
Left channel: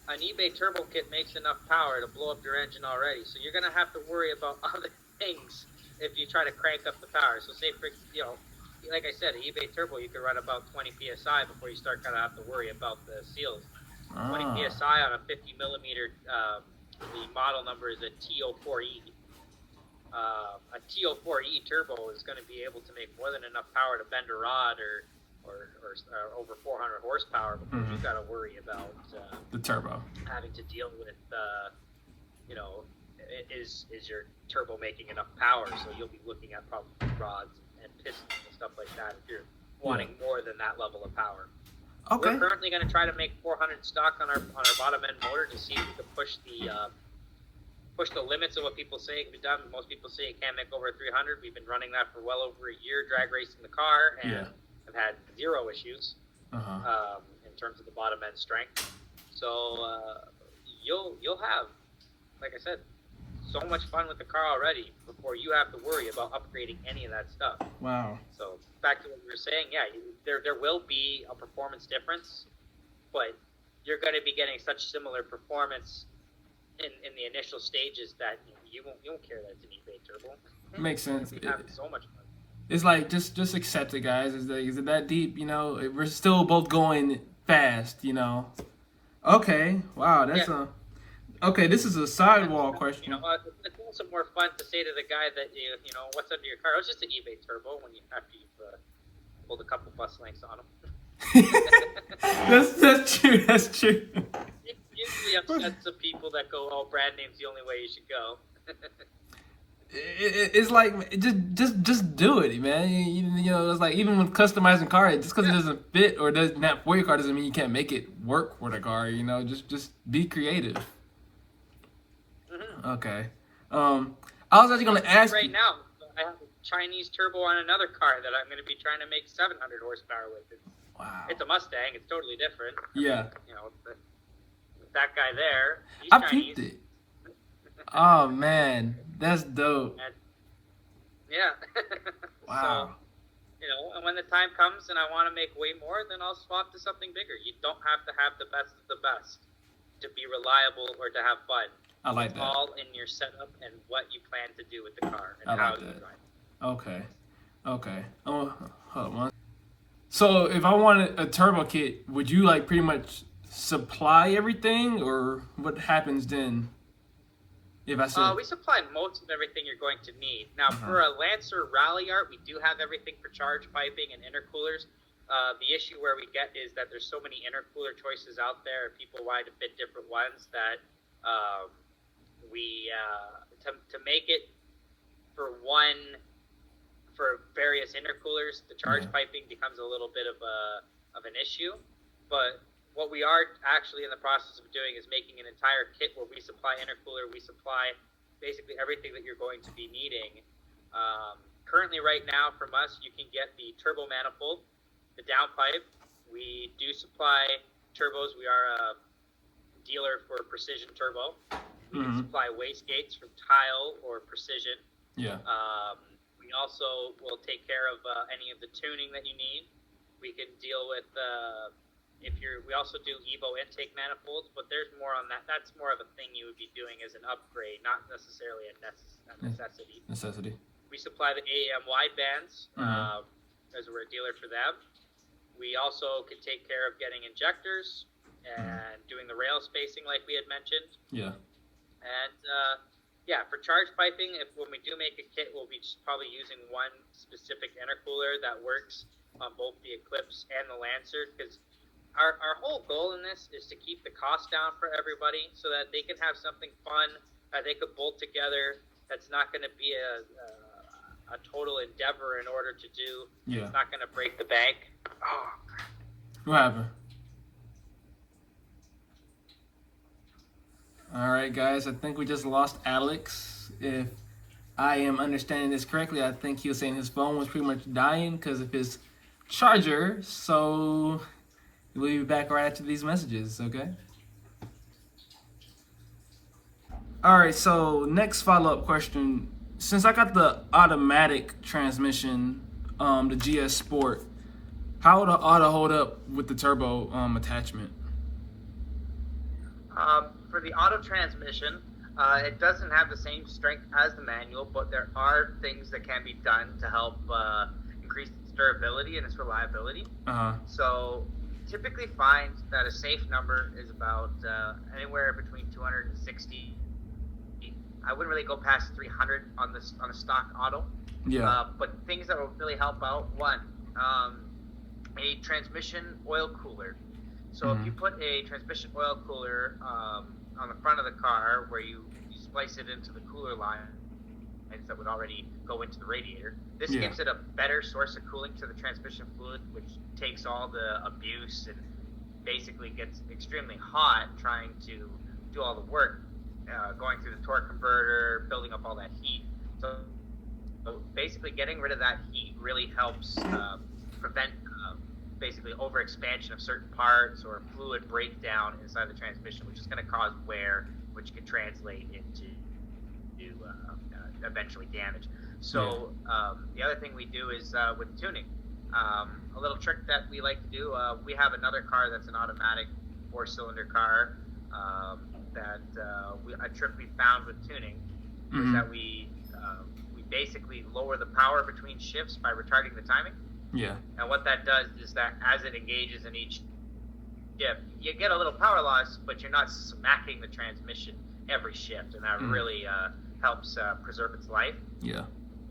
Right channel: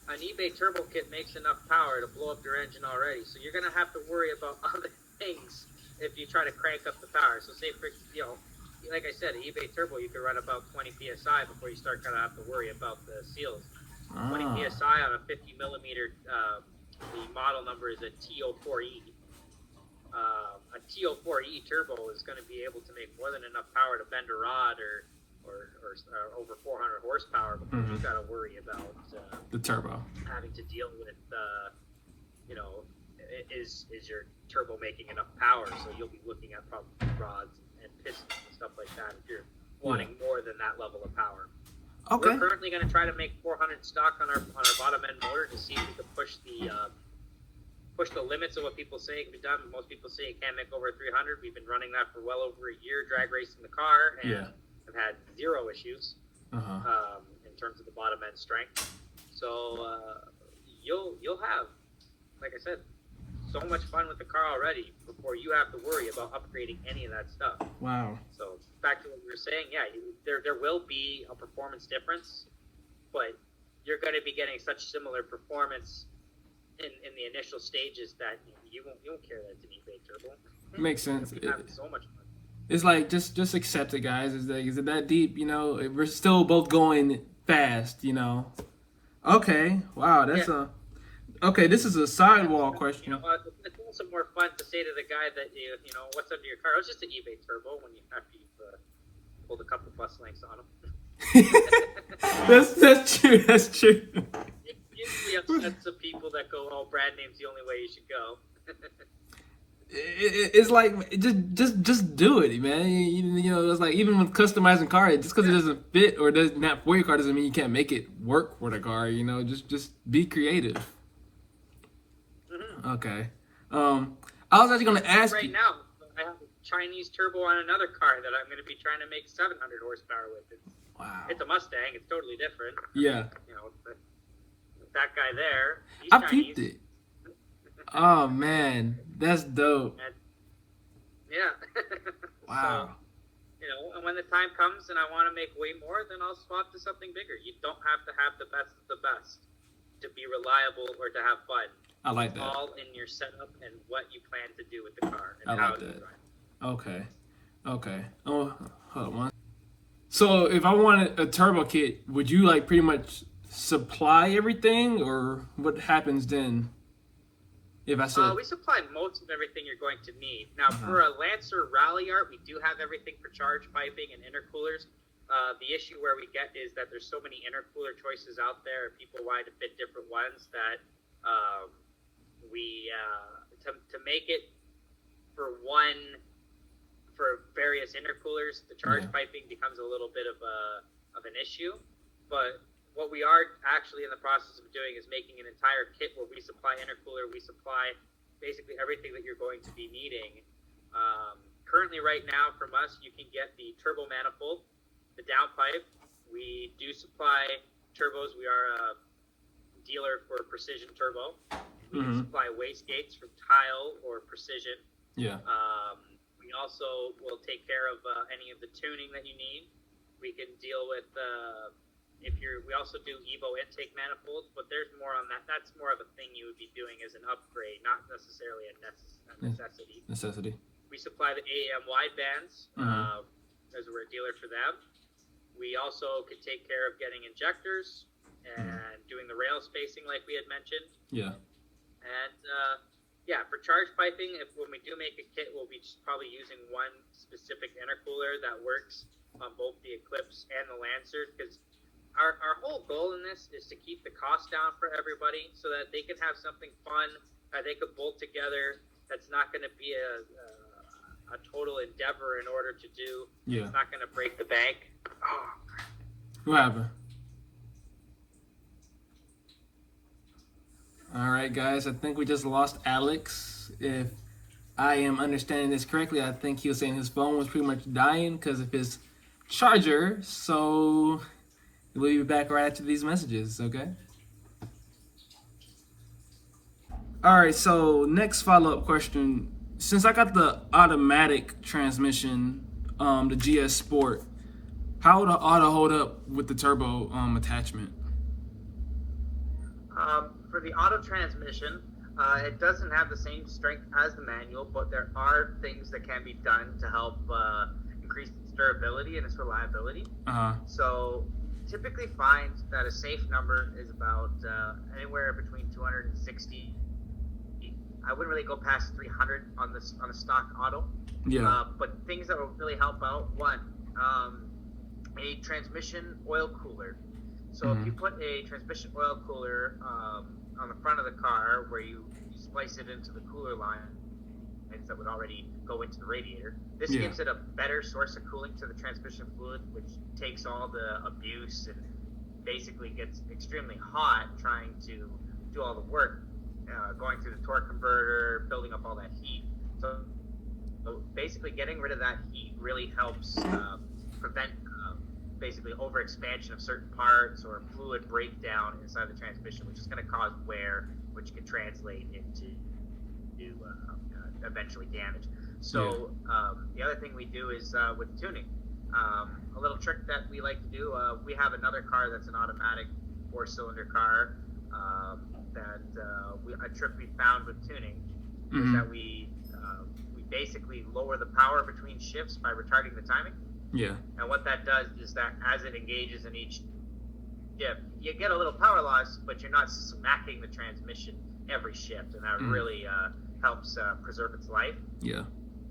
an eBay turbo kit makes enough power to blow up your engine already, so you're gonna have to worry about other things if you try to crank up the power. So say like I said, an eBay turbo you could run about 20 psi before you start gonna have to worry about the seals. 20 psi on a 50 millimeter. The model number is a TO4E. A TO4E turbo is going to be able to make more than enough power to bend a rod or over 400 horsepower before you've got to worry about the turbo. Having to deal with, is your turbo making enough power? So you'll be looking at probably rods and pistons and stuff like that if you're wanting more than that level of power. Okay. We're currently going to try to make 400 stock on our bottom end motor to see if we can push the limits of what people say can be done. Most people say it can't make over 300. We've been running that for well over a year, drag racing the car, and have had zero issues in terms of the bottom end strength. So you'll have, like I said, so much fun with the car already before you have to worry about upgrading any of that stuff. Wow. So back to what we were saying, there will be a performance difference, but you're going to be getting such similar performance in the initial stages that you won't care that it's an eBay turbo. Makes sense. You're having so much fun. It's like just accept it, guys. Is it that deep? We're still both going fast. Okay. Wow. That's Okay, this is a sidewall question. It's also more fun to say to the guy that what's under your car. It was just an eBay turbo after you've pulled a couple bus lengths on them. That's true. That's true. Usually upsets the people that go, "Oh, brand name's the only way you should go." It's like just do it, man. It's like even with customizing car, just because it doesn't fit or doesn't not for your car doesn't mean you can't make it work for the car. Just be creative. Okay. I was actually going to ask right now. I have a Chinese turbo on another car that I'm going to be trying to make 700 horsepower with. Wow. It's a Mustang. It's totally different. That guy there. He's I Chinese. peeped it. Oh man, that's dope. Yeah. Wow. So, And when the time comes and I want to make way more, then I'll swap to something bigger. You don't have to have the best of the best to be reliable or to have fun. I like it's that. all in your setup and what you plan to do with the car and I how like you that. drive. Okay. Oh, hold on. So if I wanted a turbo kit, would you like pretty much supply everything, or what happens then? If I said we supply most of everything you're going to need. Now, for a Lancer Rally Art, we do have everything for charge piping and intercoolers. The issue where we get is that there's so many intercooler choices out there, and people wanting to fit different ones that to make it for various intercoolers, the charge piping becomes a little bit of an issue. But what we are actually in the process of doing is making an entire kit where we supply intercooler, we supply basically everything that you're going to be needing. Currently, right now, from us, you can get the turbo manifold, the downpipe. We do supply turbos. We are a dealer for Precision Turbo. We supply wastegates from Tile or Precision. Yeah. We also will take care of any of the tuning that you need. We can deal with we also do Evo intake manifolds, but there's more on that. That's more of a thing you would be doing as an upgrade, not necessarily a necessity. We supply the AAM wide bands as we're a dealer for them. We also can take care of getting injectors and doing the rail spacing like we had mentioned. Yeah. And for charge piping, when we do make a kit, we'll be just probably using one specific intercooler that works on both the Eclipse and the Lancer, because our whole goal in this is to keep the cost down for everybody so that they can have something fun that they could bolt together. That's not going to be a total endeavor in order to do. Yeah. It's not going to break the bank. Oh. What happened? All right, guys. I think we just lost Alex. If I am understanding this correctly, I think he was saying his phone was pretty much dying because of his charger. So we'll be back right after these messages, okay? All right, so next follow-up question. Since I got the automatic transmission, the GS Sport, how would the auto hold up with the turbo attachment? For the auto transmission, it doesn't have the same strength as the manual, but there are things that can be done to help increase its durability and its reliability. So typically find that a safe number is about anywhere between 260. I wouldn't really go past 300 on a stock auto. Yeah. But things that will really help out, one, a transmission oil cooler. So if you put a transmission oil cooler on the front of the car where you splice it into the cooler line that would already go into the radiator, this gives it a better source of cooling to the transmission fluid, which takes all the abuse and basically gets extremely hot trying to do all the work, going through the torque converter, building up all that heat. So basically getting rid of that heat really helps prevent basically overexpansion of certain parts or fluid breakdown inside the transmission, which is going to cause wear, which can translate into eventually damage. So the other thing we do is with tuning. A little trick that we like to do, we have another car that's an automatic 4-cylinder car a trick we found with tuning is that we basically lower the power between shifts by retarding the timing. Yeah. And what that does is that as it engages in each shift, you get a little power loss, but you're not smacking the transmission every shift, and that really helps preserve its life. Yeah.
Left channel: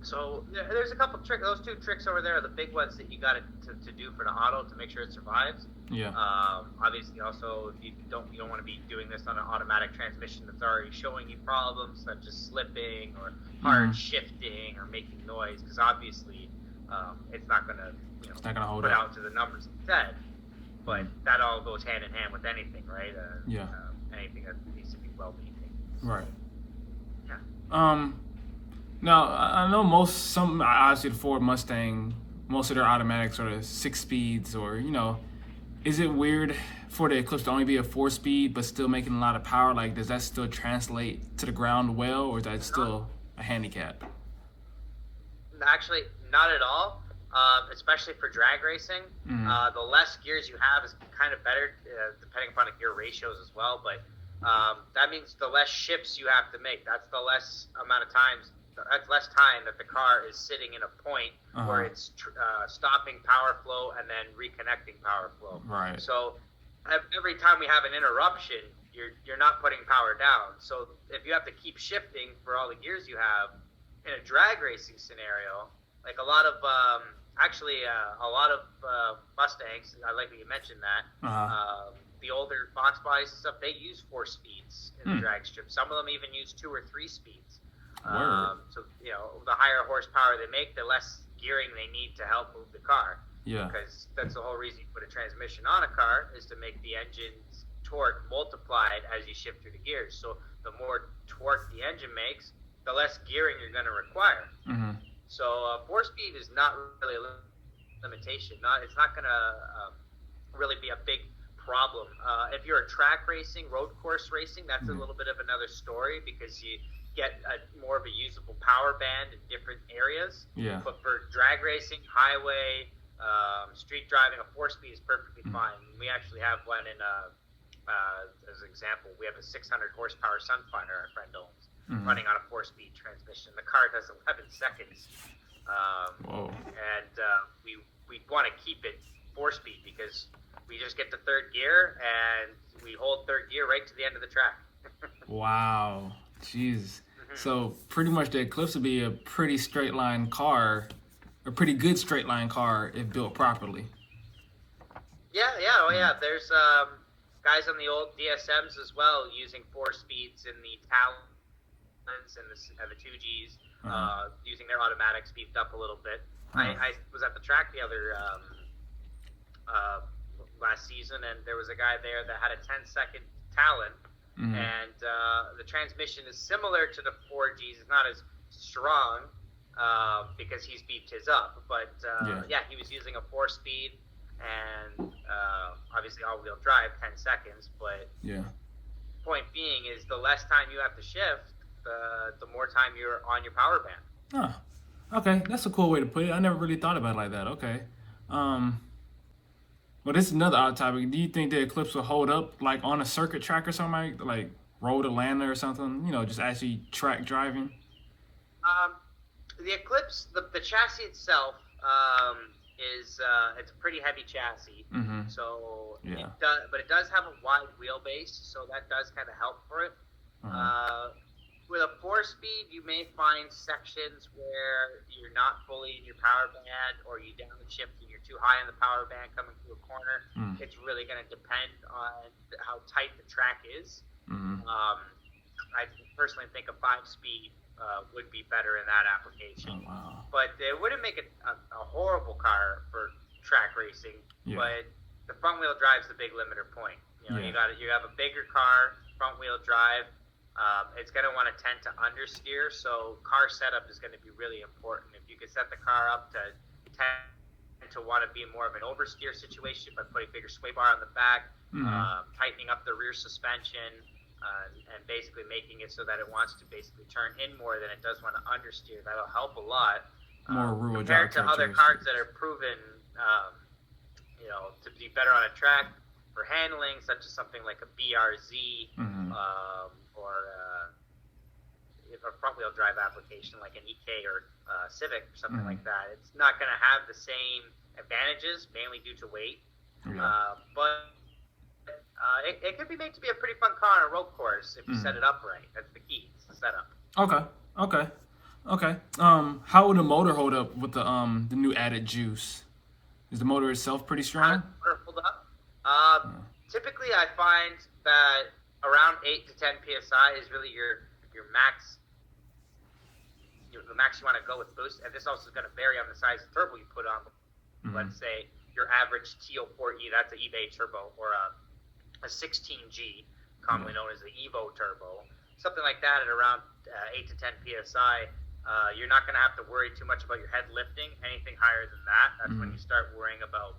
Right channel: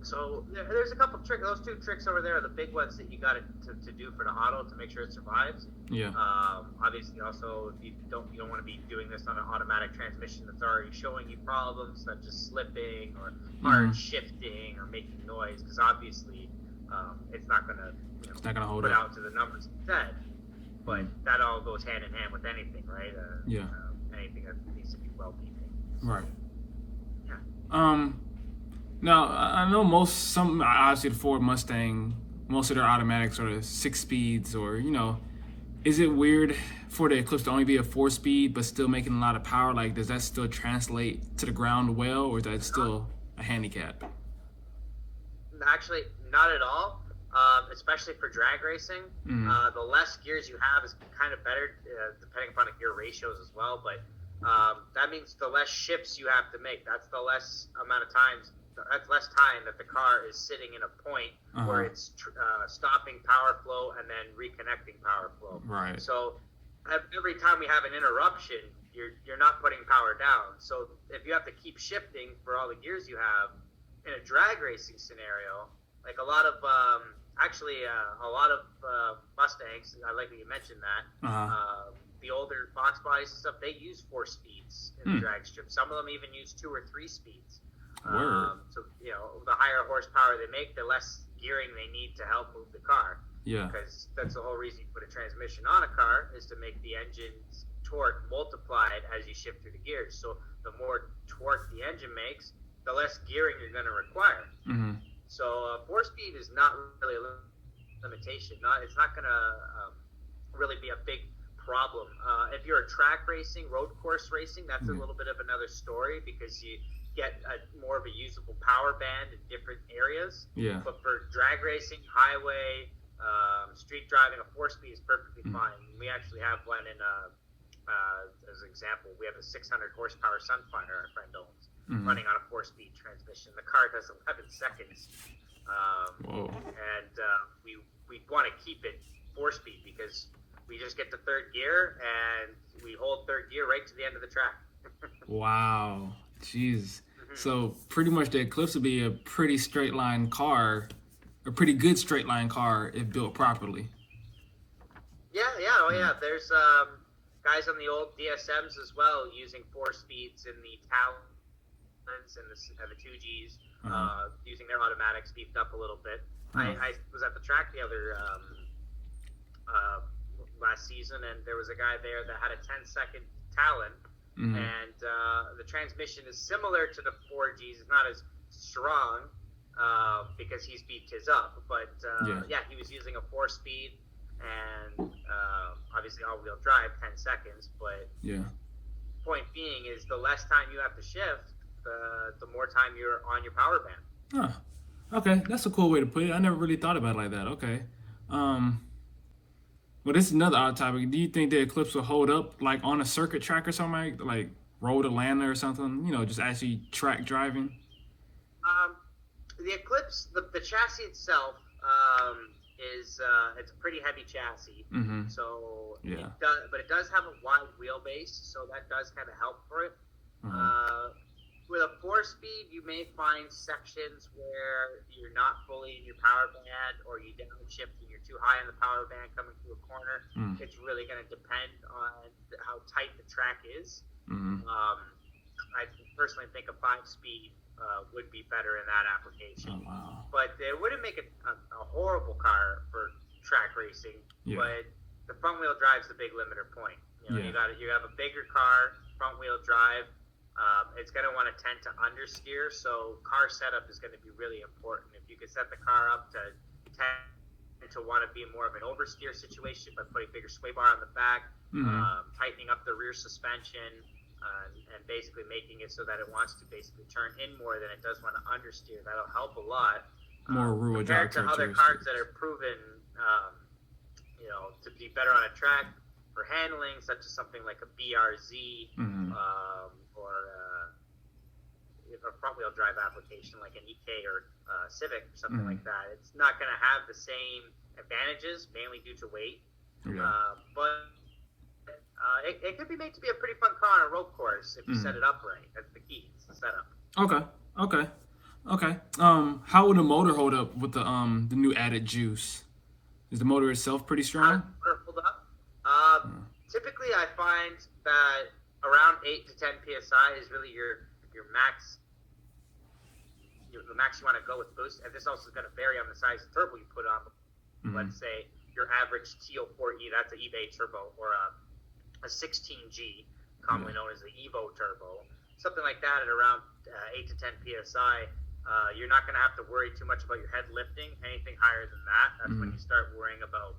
So there's a couple tricks. Those two tricks over there are the big ones that you got to do for the auto to make sure it survives. Yeah. Obviously, also if you don't want to be doing this on an automatic transmission that's already showing you problems such as slipping or hard shifting or making noise, because obviously it's not going to put out to the numbers it said. But that all goes hand in hand with anything, right? Anything that needs to be well maintained. Right. Yeah. Now, I know obviously the Ford Mustang, most of their automatics are 6 speeds or, is it weird for the Eclipse to only be a 4-speed but still making a lot of power? Like, does that still translate to the ground well, or is that still a handicap? Actually, not at all. especially for drag racing. Mhm. The less gears you have is kind of better, depending upon the gear ratios as well. But that means the less shifts you have to make. That's the less amount of times. That's less time that the car is sitting in a point where it's stopping power flow and then reconnecting power flow. Right. So every time we have an interruption, you're not putting power down. So if you have to keep shifting for all the gears you have in a drag racing scenario, like a lot of Mustangs, I like that you mentioned that. The older box bodies and stuff, they use 4 speeds in the drag strip. Some of them even use 2 or 3 speeds. So the higher horsepower they make, the less gearing they need to help move the car. Yeah. Because that's the whole reason you put a transmission on a car, is to make the engine's torque multiplied as you shift through the gears. So the more torque the engine makes, the less gearing you're going to require. Mm-hmm. So 4-speed is not really a limitation. It's not going to really be a big problem. If you're a track racing, road course racing, that's a little bit of another story, because you get more of a usable power band in different areas. Yeah. But for drag racing, highway, street driving, a 4-speed is perfectly fine. We actually have one in, as an example, we have a 600 horsepower Sunfinder our friend owns, running on a 4-speed transmission. The car does 11 seconds. Whoa. And we want to keep it 4-speed, because we just get the third gear and we hold third gear right to the end of the track. Wow. Jeez. So pretty much the Eclipse would be a pretty straight line car, a pretty good straight line car if built properly. Yeah. There's guys on the old DSMs as well using 4 speeds in the Talons and the 2Gs, using their automatics beefed up a little bit. I was at the track the other last season, and there was a guy there that had a 10-second Talon. And the transmission is similar to the 4Gs. It's not as strong because he's beefed his up. But he was using a 4-speed and obviously all-wheel drive, 10 seconds. But point being is the less time you have to shift, the more time you're on your power band. Okay, that's a cool way to put it. I never really thought about it like that. Okay. Well, this is another odd topic. Do you think the Eclipse will hold up, like on a circuit track or something, like Road Atlanta or something? Just actually track driving. The Eclipse, the chassis itself is it's a pretty heavy chassis. So it does have a wide wheelbase, so that does kind of help for it. With a 4-speed, you may find sections where you're not fully in your power band, or you downshift and you're too high in the power band coming through a corner. It's really going to depend on how tight the track is. I personally think a 5-speed would be better in that application. Oh, wow. But it wouldn't make it a horrible car for track racing. But the front wheel drive is the big limiter point. You have a bigger car, front wheel drive. It's going to want to tend to understeer, so car setup is going to be really important. If you could set the car up to tend to want to be more of an oversteer situation by putting bigger sway bar on the back, tightening up the rear suspension, and basically making it so that it wants to basically turn in more than it does want to understeer, that'll help a lot. More rear compared to other cars that are proven, to be better on a track for handling, such as something like a BRZ, or a front-wheel drive application like an EK or Civic or something like that. It's not going to have the same advantages, mainly due to weight. But it could be made to be a pretty fun car on a road course if you set it up right. That's the key. It's the setup. Okay. How would the motor hold up with the new added juice? Is the motor itself pretty strong? Hold up. Typically, I find that around 8 to 10 psi is really your max. The max you want to go with boost, and this also is going to vary on the size of turbo you put on. Let's say your average TO4E, that's an eBay turbo, or a 16G, commonly known as the Evo turbo, something like that at around 8 to 10 psi. You're not going to have to worry too much about your head lifting. Anything higher than that, that's when you start worrying about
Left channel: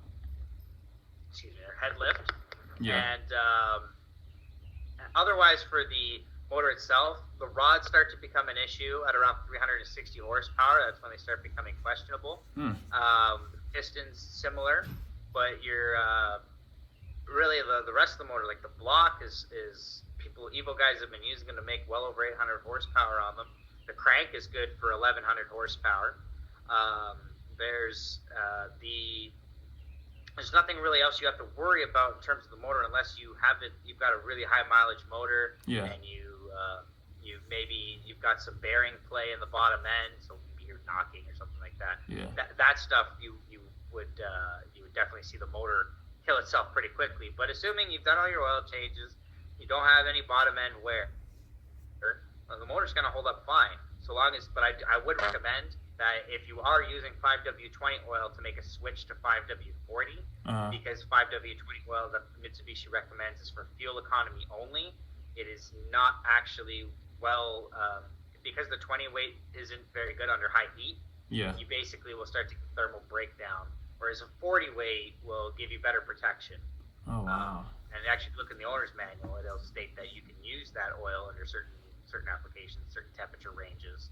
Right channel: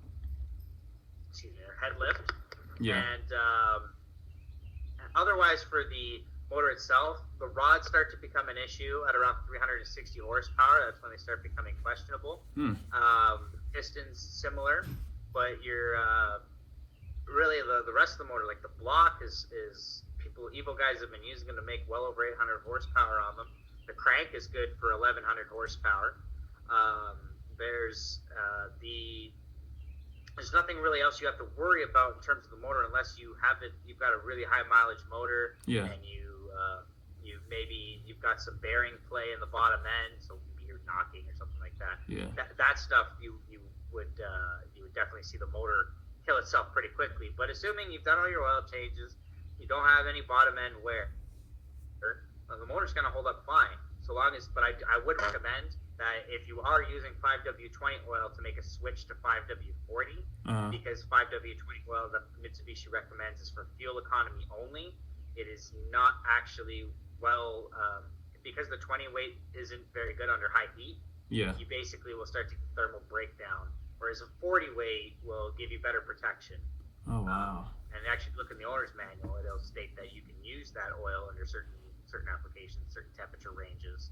your head lift. And otherwise, for the motor itself, the rods start to become an issue at around 360 horsepower. That's when they start becoming questionable. Pistons similar, but you're really the rest of the motor, like the block is Evo guys have been using them to make well over 800 horsepower on them. The crank is good for 1100 horsepower. There's nothing really else you have to worry about in terms of the motor unless you've got a really high mileage motor, and you've got some bearing play in the bottom end, so maybe you're knocking or something like that. Yeah. That stuff you would definitely see the motor kill itself pretty quickly. But assuming you've done all your oil changes, you don't have any bottom end wear, the motor's going to hold up fine. But I would recommend that if you are using 5W20 oil to make a switch to 5W40, because 5W20 oil that Mitsubishi recommends is for fuel economy only. It is not actually because the 20 weight isn't very good under high heat. Yeah. You basically will start to get thermal breakdown, whereas a 40 weight will give you better protection. Oh wow. And actually, look in the owner's manual, it'll state that you can use that oil under certain applications, certain temperature ranges,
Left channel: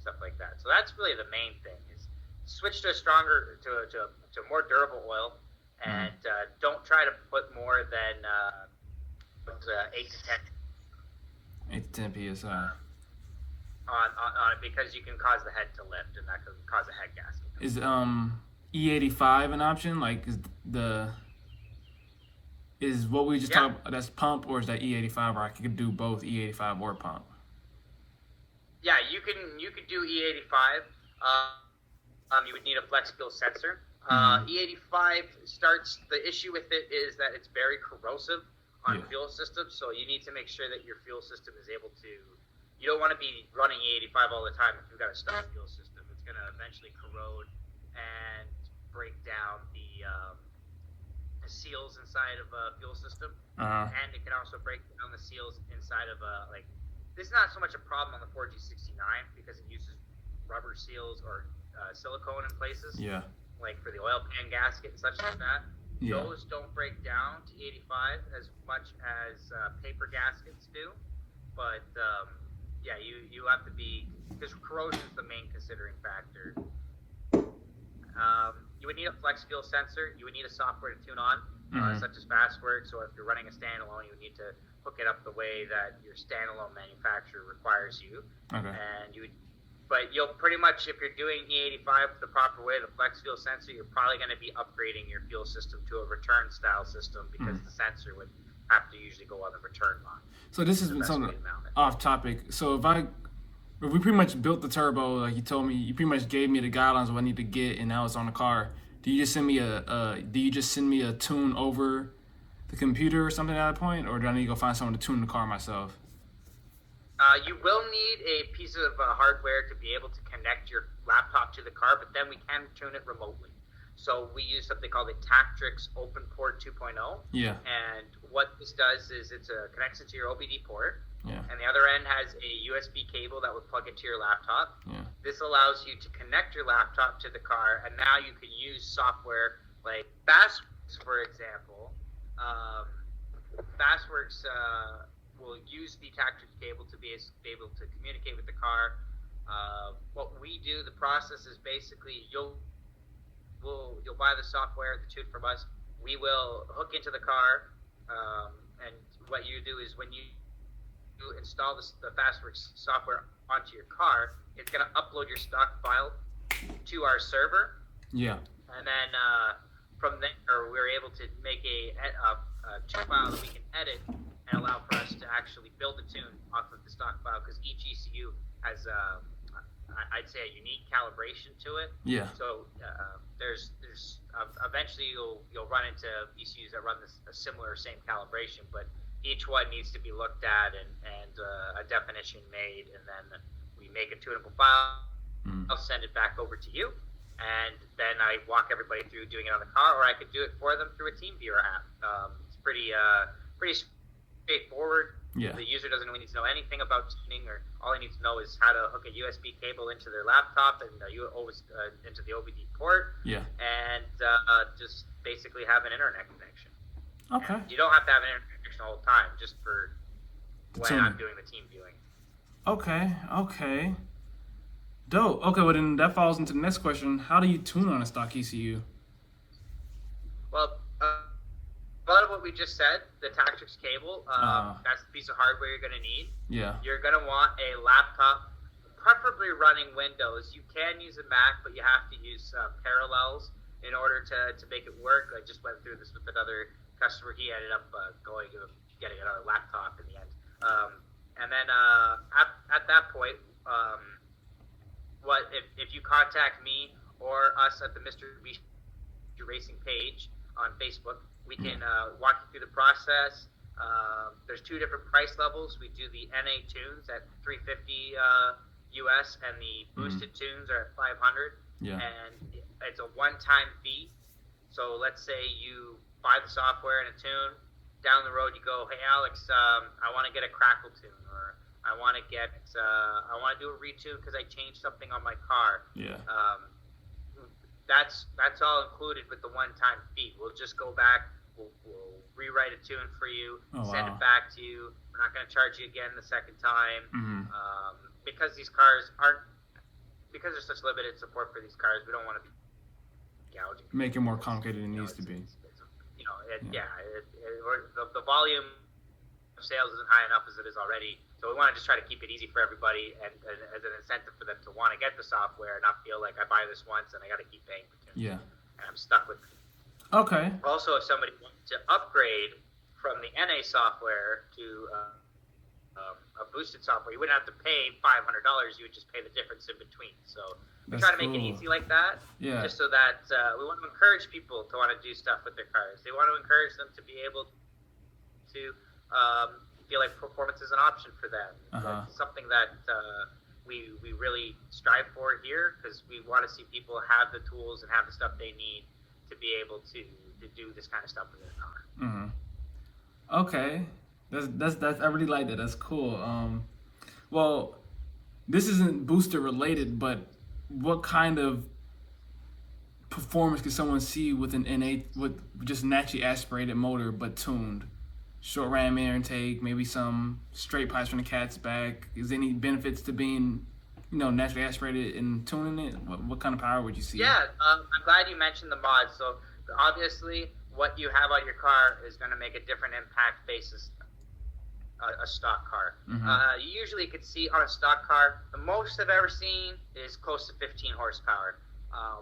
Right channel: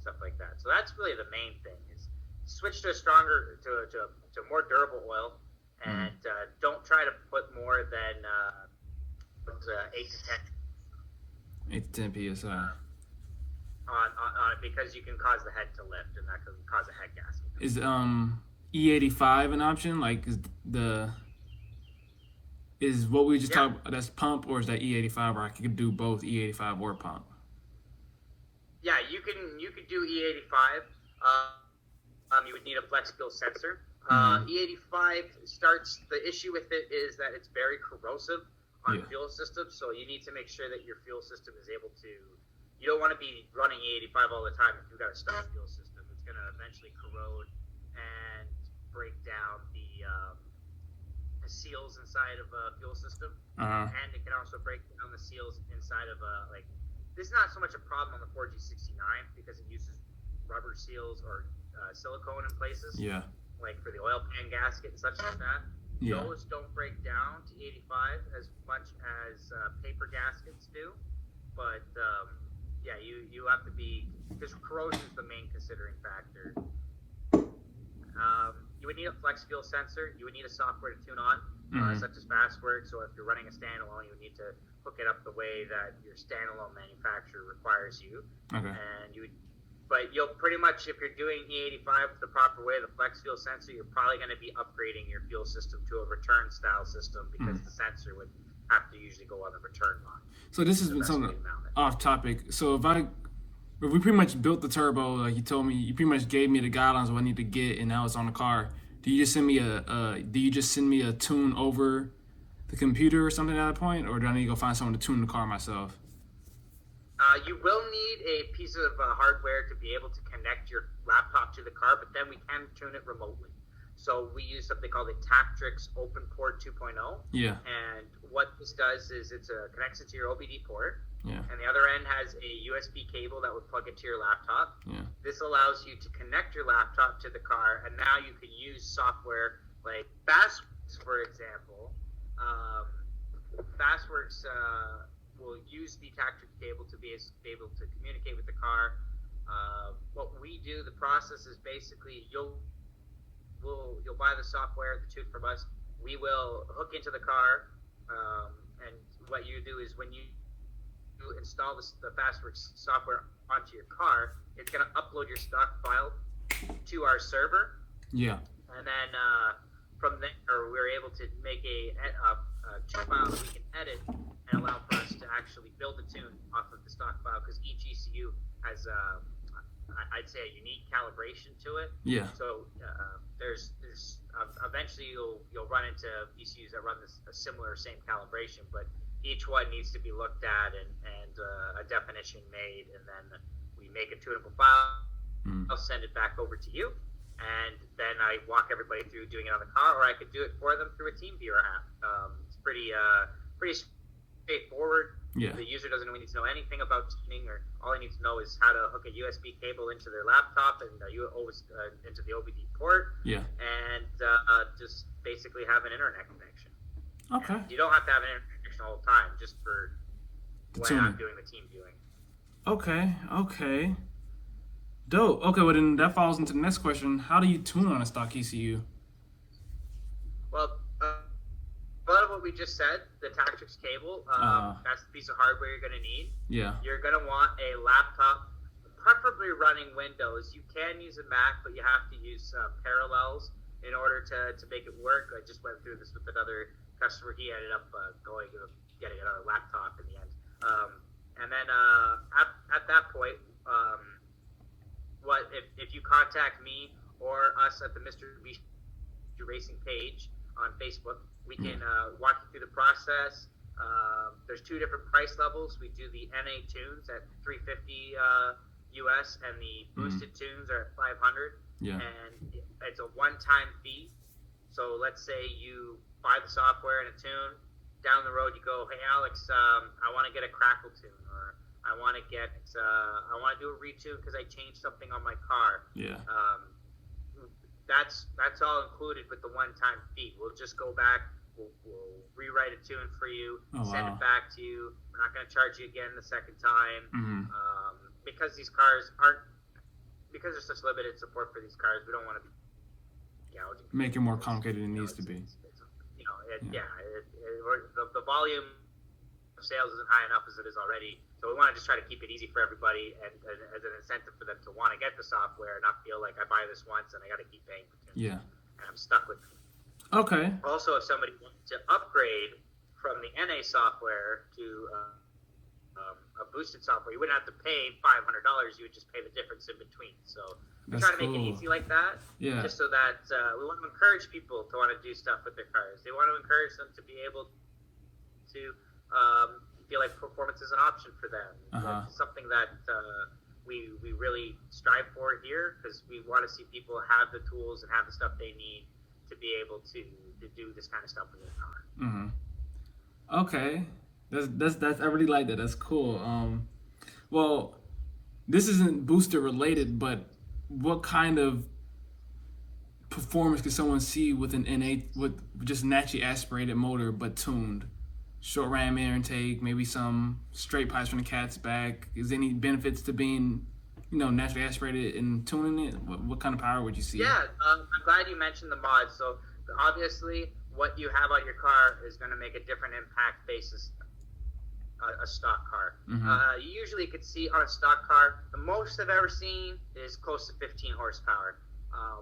stuff like that. So that's really the main thing: is switch to a more durable oil, and don't try to put more than 8 to 10 psi on it, because you can cause the head to lift, and that can cause a head gasket. Is E85 an option? Like is what we just talked about, that's pump, or is that E85, or I could do both E85 or pump? Yeah, you could do E85. You would need a flex fuel sensor. E85 the issue with it is that it's very corrosive on fuel systems, so you need to make sure that your fuel system is able to, you don't want to be running E85 all the time if you've got a stuck fuel system. It's going to eventually corrode and break down the seals inside of a fuel system, and it can also break down the seals inside of this is not so much a problem on the 4G69 because it uses rubber seals or silicone in places, like for the oil pan gasket and such like that. Those don't break down to 85 as much as paper gaskets do, but you have to be, because corrosion is the main considering factor. You would need a flex fuel sensor. You would need a software to tune on, such as Fastworks, or if you're running a standalone, you would need to hook it up the way that your standalone manufacturer requires you. Okay. And but you'll pretty much, if you're doing E85 the proper way, the flex fuel sensor, you're probably going to be upgrading your fuel system to a return style system, because the sensor would have to usually go on the return line. So this has been something off topic. So if we pretty much built the turbo, like you told me, you pretty much gave me the guidelines of what I need to get, and now it's on the car. Do you just send me a tune over the computer or something at that point, or do I need to go find someone to tune the car myself? You will need a piece of hardware to be able to connect your laptop to the car, but then we can tune it remotely. So we use something called a Tactrix Open Port 2.0. Yeah. And what this does is it connects it to your OBD port. Yeah. And the other end has a USB cable that would plug it to your laptop. Yeah. This allows you to connect your laptop to the car, and now you can use software like Fastworks, for example. Fastworks will use the Tactrix cable to be able to communicate with the car. What we do, the process is basically you'll buy the software, the tune from us. We will hook into the car, and what you do is when you install the Fastworks software onto your car, it's going to upload your stock file to our server. Yeah. And then from there, we're able to make a tune file that we can edit and allow for us to actually build a tune off of the stock file, because each ECU has I'd say a unique calibration to it. Yeah. So there's eventually you'll run into ECUs that run a similar same calibration, but each one needs to be looked at and a definition made, and then we make a tunable file. I'll send it back over to you, and then I walk everybody through doing it on the car, or I could do it for them through a TeamViewer app. It's pretty straightforward. Yeah. The user doesn't really need to know anything about tuning, or all they need to know is how to hook a USB cable into their laptop and into the OBD port. Yeah. And just basically have an internet connection. Okay. And you don't have to have an internet connection the whole time, just for when Tuning. I'm doing the team viewing. Okay. Dope. Okay, well then that falls into the next question. How do you tune on a stock ECU? Well, a lot of what we just said, the Tactrix cable, that's the piece of hardware you're going to need. Yeah. You're going to want a laptop, preferably running Windows. You can use a Mac, but you have to use Parallels in order to make it work. I just went through this with another customer. He ended up getting another laptop in the end. And then at that point, if you contact me or us at the Mr. Beast Racing page on Facebook, we can walk you through the process. There's two different price levels. We do the NA tunes at $350 US, and the boosted tunes are at $500. Yeah. And it's a one-time fee. So let's say you buy the software and a tune. Down the road, you go, hey Alex, I want to get a crackle tune, or I want to do a retune because I changed something on my car. Yeah. That's all included with the one-time fee. We'll just go back, we'll rewrite a tune for you, send it back to you. We're not going to charge you again the second time. Because these cars because there's such limited support for these cars, we don't want to be gouging. Make it more complicated than it needs to be. The volume of sales isn't high enough as it is already. So we want to just try to keep it easy for everybody, and as an incentive for them to want to get the software and not feel like I buy this once and I got to keep paying for it. Yeah. And I'm stuck with it. Okay. Also, if somebody wants to upgrade from the NA software to a boosted software, you wouldn't have to pay $500. You would just pay the difference in between. So we try to make it easy like that, just so that we want to encourage people to want to do stuff with their cars. They want to encourage them to be able to feel like performance is an option for them. It's something that we really strive for here, because we want to see people have the tools and have the stuff they need to be able to do this kind of stuff with their car. Okay, that's I really like that. That's cool. Well, this isn't booster related, but what kind of performance can someone see with an NA, with just naturally aspirated motor but tuned? Short ram air intake, maybe some straight pipes from the cat's back. Is there any benefits to being, naturally aspirated and tuning it? What kind of power would you see? Yeah, I'm glad you mentioned the mods. So obviously, what you have on your car is going to make a different impact basis a stock car. You usually could see on a stock car, the most I've ever seen is close to 15 horsepower,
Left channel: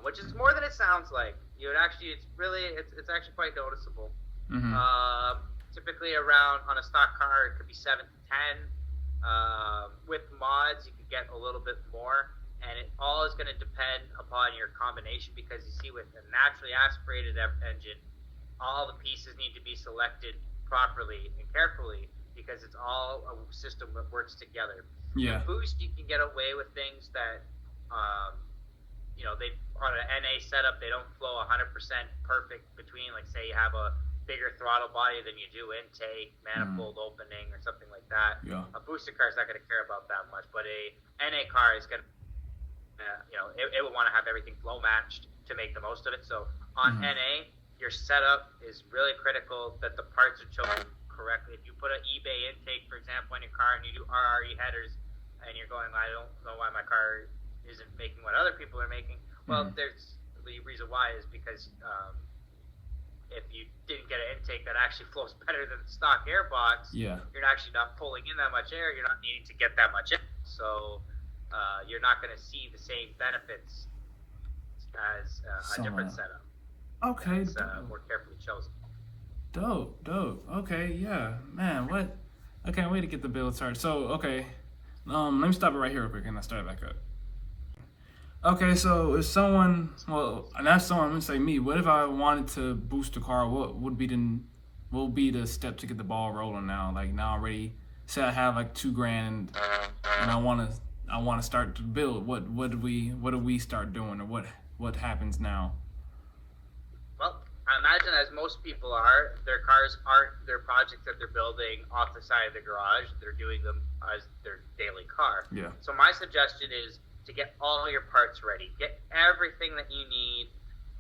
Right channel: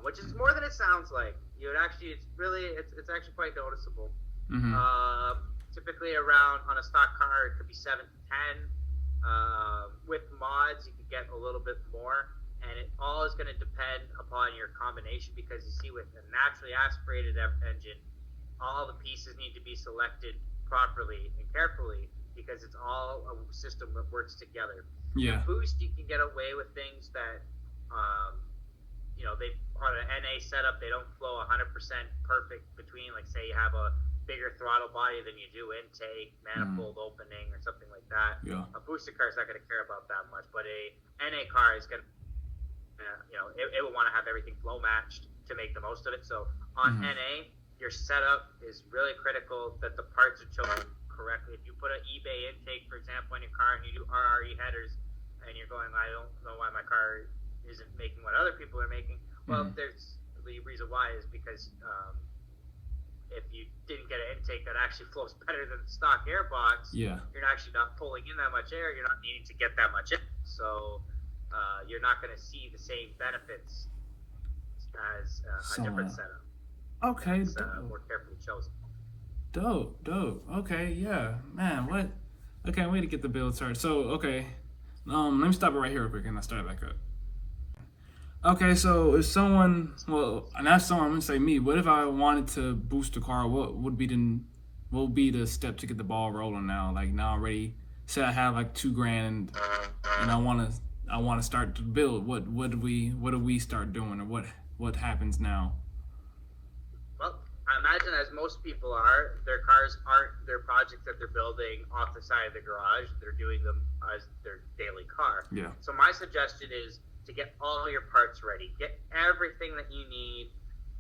which is more than it sounds like. It's actually quite noticeable. Typically around, on a stock car, it could be 7 to 10. With mods, you could get a little bit more, and it all is going to depend upon your combination, because you see, with a naturally aspirated engine, all the pieces need to be selected properly and carefully, because it's all a system that works together. Yeah. With boost, you can get away with things that, they on an NA setup, they don't flow 100% perfect between, like, say you have a bigger throttle body than you do intake, manifold opening, or something like that. Yeah. A boosted car is not going to care about that much, but a NA car is going to, it will want to have everything flow matched to make the most of it. So on NA, your setup is really critical, that the parts are chosen correctly. If you put an eBay intake, for example, on your car, and you do RRE headers, and you're going, I don't know why my car isn't making what other people are making. Well, there's the reason why is because if you didn't get an intake that actually flows better than the stock airbox, you're actually not pulling in that much air. You're not needing to get that much in. So you're not going to see the same benefits as a different setup. Okay. It's more carefully chosen. Dope. Okay, yeah. Man, what? I can't wait to get the build started. So, okay. Let me stop it right here real quick and I'll start it back up. Okay, so if someone, I'm gonna say me. What if I wanted to boost the car? What would be the step to get the ball rolling now? Like, now I'm ready. Say I have like $2,000 and I wanna start to build. What do we start doing, or what happens now? Well, I imagine, as most people are, their cars aren't their project that they're building off the side of the garage. They're doing them as their daily car. Yeah. So my suggestion is to get all your parts ready. Get everything that you need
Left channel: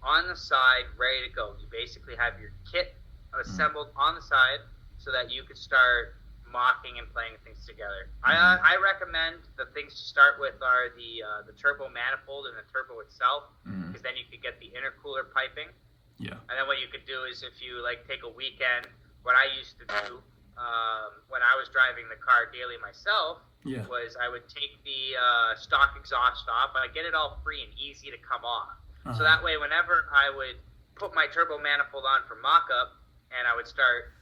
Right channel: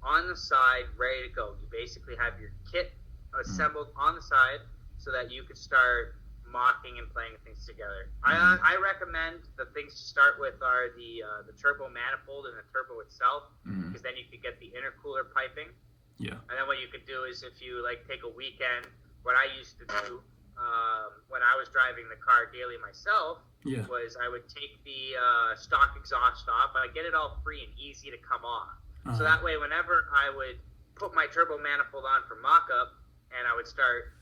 on the side, ready to go. You basically have your kit assembled on the side so that you could start mocking and playing things together. I recommend the things to start with are the turbo manifold and the turbo itself, because then you could get the intercooler piping. Yeah. And then what you could do is if you like take a weekend, what I used to do when I was driving the car daily myself was I would take the stock exhaust off, but I get it all free and easy to come off. So that way, whenever I would put my turbo manifold on for mock-up, and I would start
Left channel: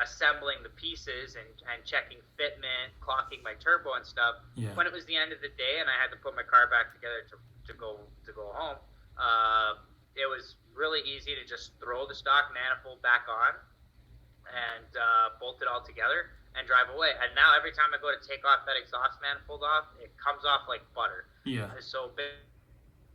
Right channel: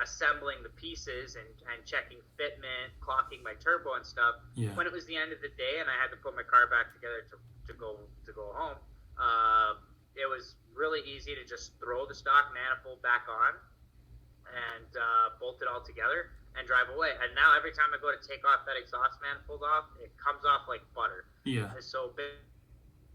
assembling the pieces and checking fitment, clocking my turbo and stuff. Yeah. When it was the end of the day and I had to put my car back together to go home, it was really easy to just throw the stock manifold back on and bolt it all together and drive away. And now every time I go to take off that exhaust manifold off, it comes off like butter. Yeah. So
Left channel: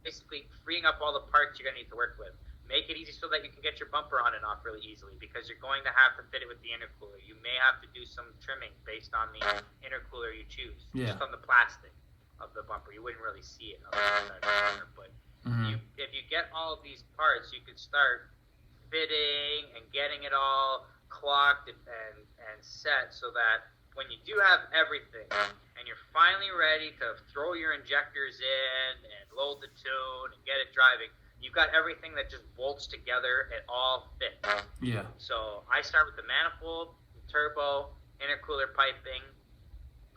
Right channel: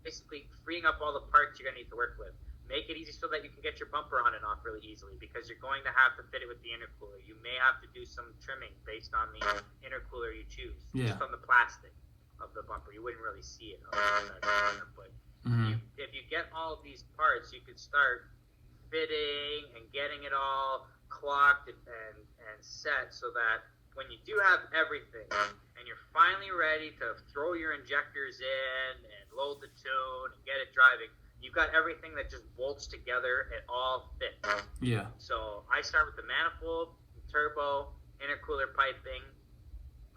basically freeing up all the parts you're going to need to work with. Make it easy so that you can get your bumper on and off really easily, because you're going to have to fit it with the intercooler. You may have to do some trimming based on the intercooler you choose, just on the plastic of the bumper. You wouldn't really see it on the outside of the bumper, but if you get all of these parts, you could start fitting and getting it all clocked and set so that when you do have everything and you're finally ready to throw your injectors in and load the tune and get it driving, you've got everything that just bolts together. It all fits. Yeah. So I start with the manifold, the turbo, intercooler piping.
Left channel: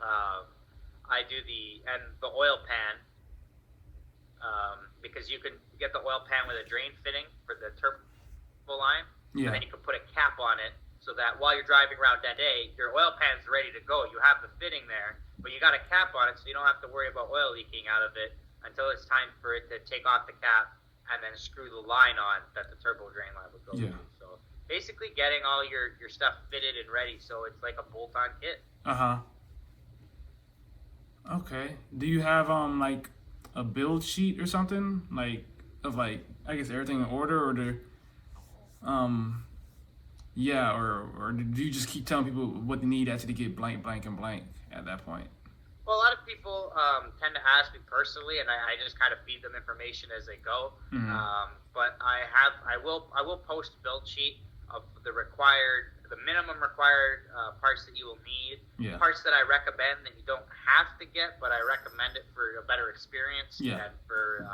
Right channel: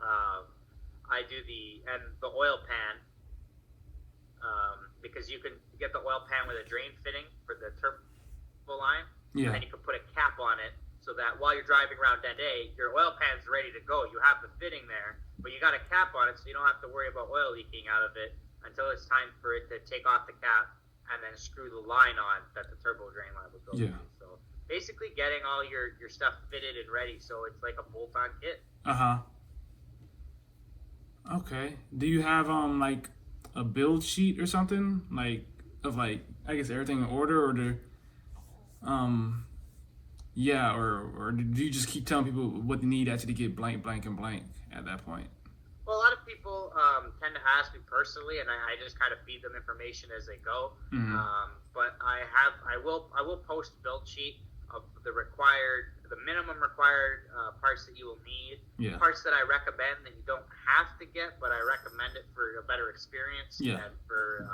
I do the oil pan, because you can get the oil pan with a drain fitting for the turbo line. Yeah. And then you can put a cap on it so that while you're driving around that day, your oil pan's ready to go. You have the fitting there, but you got a cap on it so you don't have to worry about oil leaking out of it until it's time for it to take off the cap and then screw the line on that the turbo drain line would go to. So basically getting all your stuff fitted and ready so it's like a bolt-on kit. Okay. Do you have like a build sheet or something of I guess everything in order, or or do you just keep telling people what they need after they get blank, blank, and blank at that point? Well, a lot of people tend to ask me personally, and I just kind of feed them information as they go. But I will post a build sheet of the minimum required parts that you will need. Parts that I recommend that you don't have to get, but I recommend it for a better experience and for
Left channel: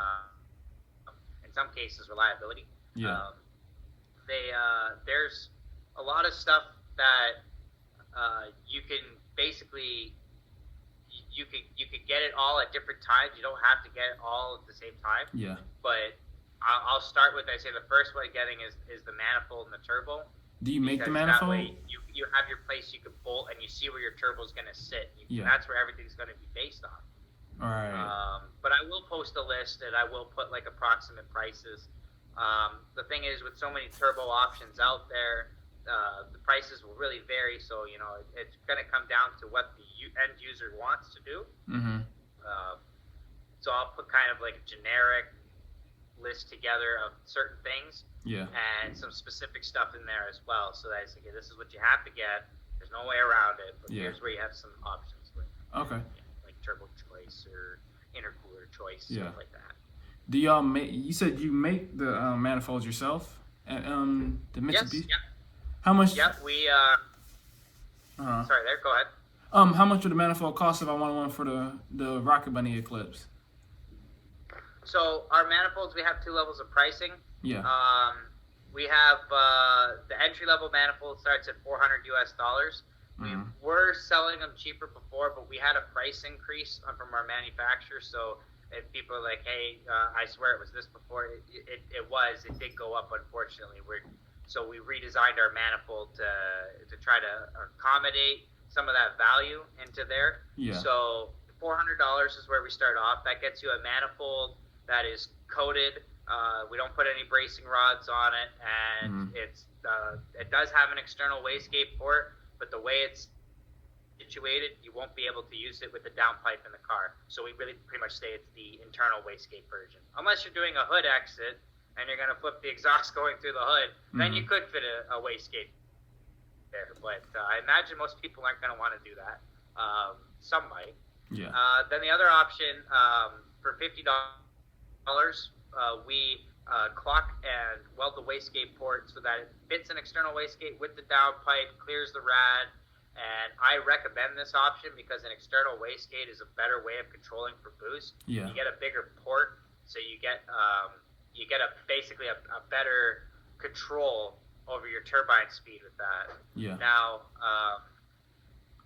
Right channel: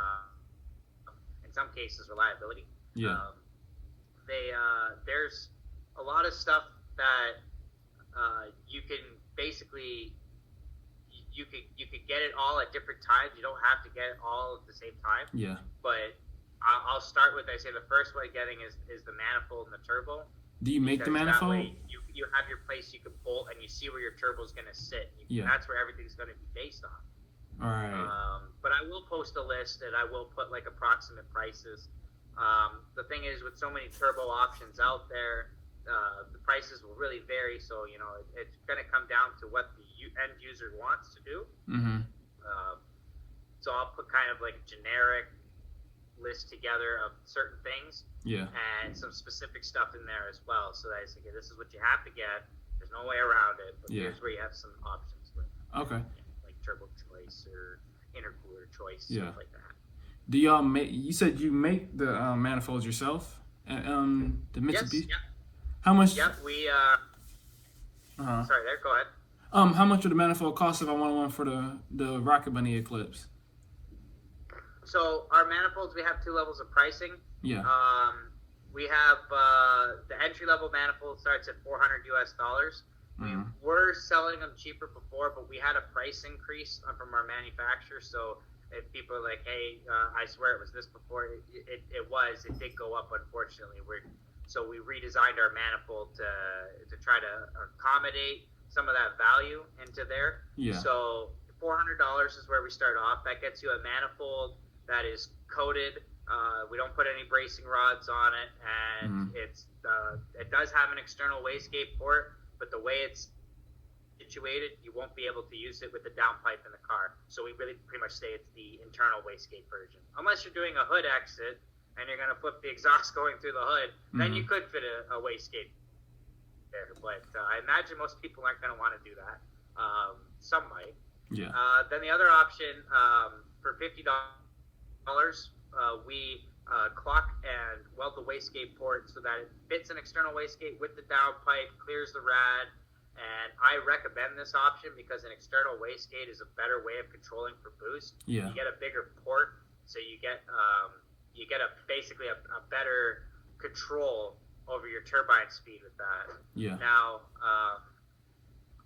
in some cases reliability. There's a lot of stuff that you can basically. You could get it all at different times. You don't have to get it all at the same time. But I'll start with, I say the first way getting is the manifold and the turbo. Do you make the manifold? That way you have your place you can bolt and you see where your turbo is going to sit. That's where everything's going to be based on. All right. But I will post a list and I will put like approximate prices. The thing is, with so many turbo options out there, the prices will really vary, so it's going to come down to what the end user wants to do. So I'll put kind of like a generic list together of certain things and some specific stuff in there as well, so that it's okay, this is what you have to get, there's no way around it, but here's where you have some options like turbo choice or intercooler choice, stuff like that. Do y'all make? You said you make the manifolds yourself, the Mitsubishi. Yes. How much? Yep, we. Sorry, there. Go ahead. How much would the manifold cost if I want one for the Rocket Bunny Eclipse? So our manifolds, we have two levels of pricing. We have the entry level manifold starts at $400 US. We were selling them cheaper before, but we had a price increase from our manufacturer. So if people are like, hey, I swear it was this before, it did go up, unfortunately. So we redesigned our manifold to try to accommodate some of that value into there. So $400 is where we start off. That gets you a manifold that is coated. We don't put any bracing rods on it, and it does have an external wastegate port, but the way it's situated, you won't be able to use it with the downpipe in the car. So we really pretty much say it's the internal wastegate version. Unless you're doing a hood exit and you're going to flip the exhaust going through the hood, then you could fit a wastegate there. But I imagine most people aren't going to want to do that. Some might. Then the other option, for $50, we clock and weld the wastegate port so that it fits an external wastegate with the downpipe, clears the rad, And I recommend this option because an external wastegate is a better way of controlling for boost. Yeah. You get a bigger port, so you get basically a better control over your turbine speed with that. Yeah. Now,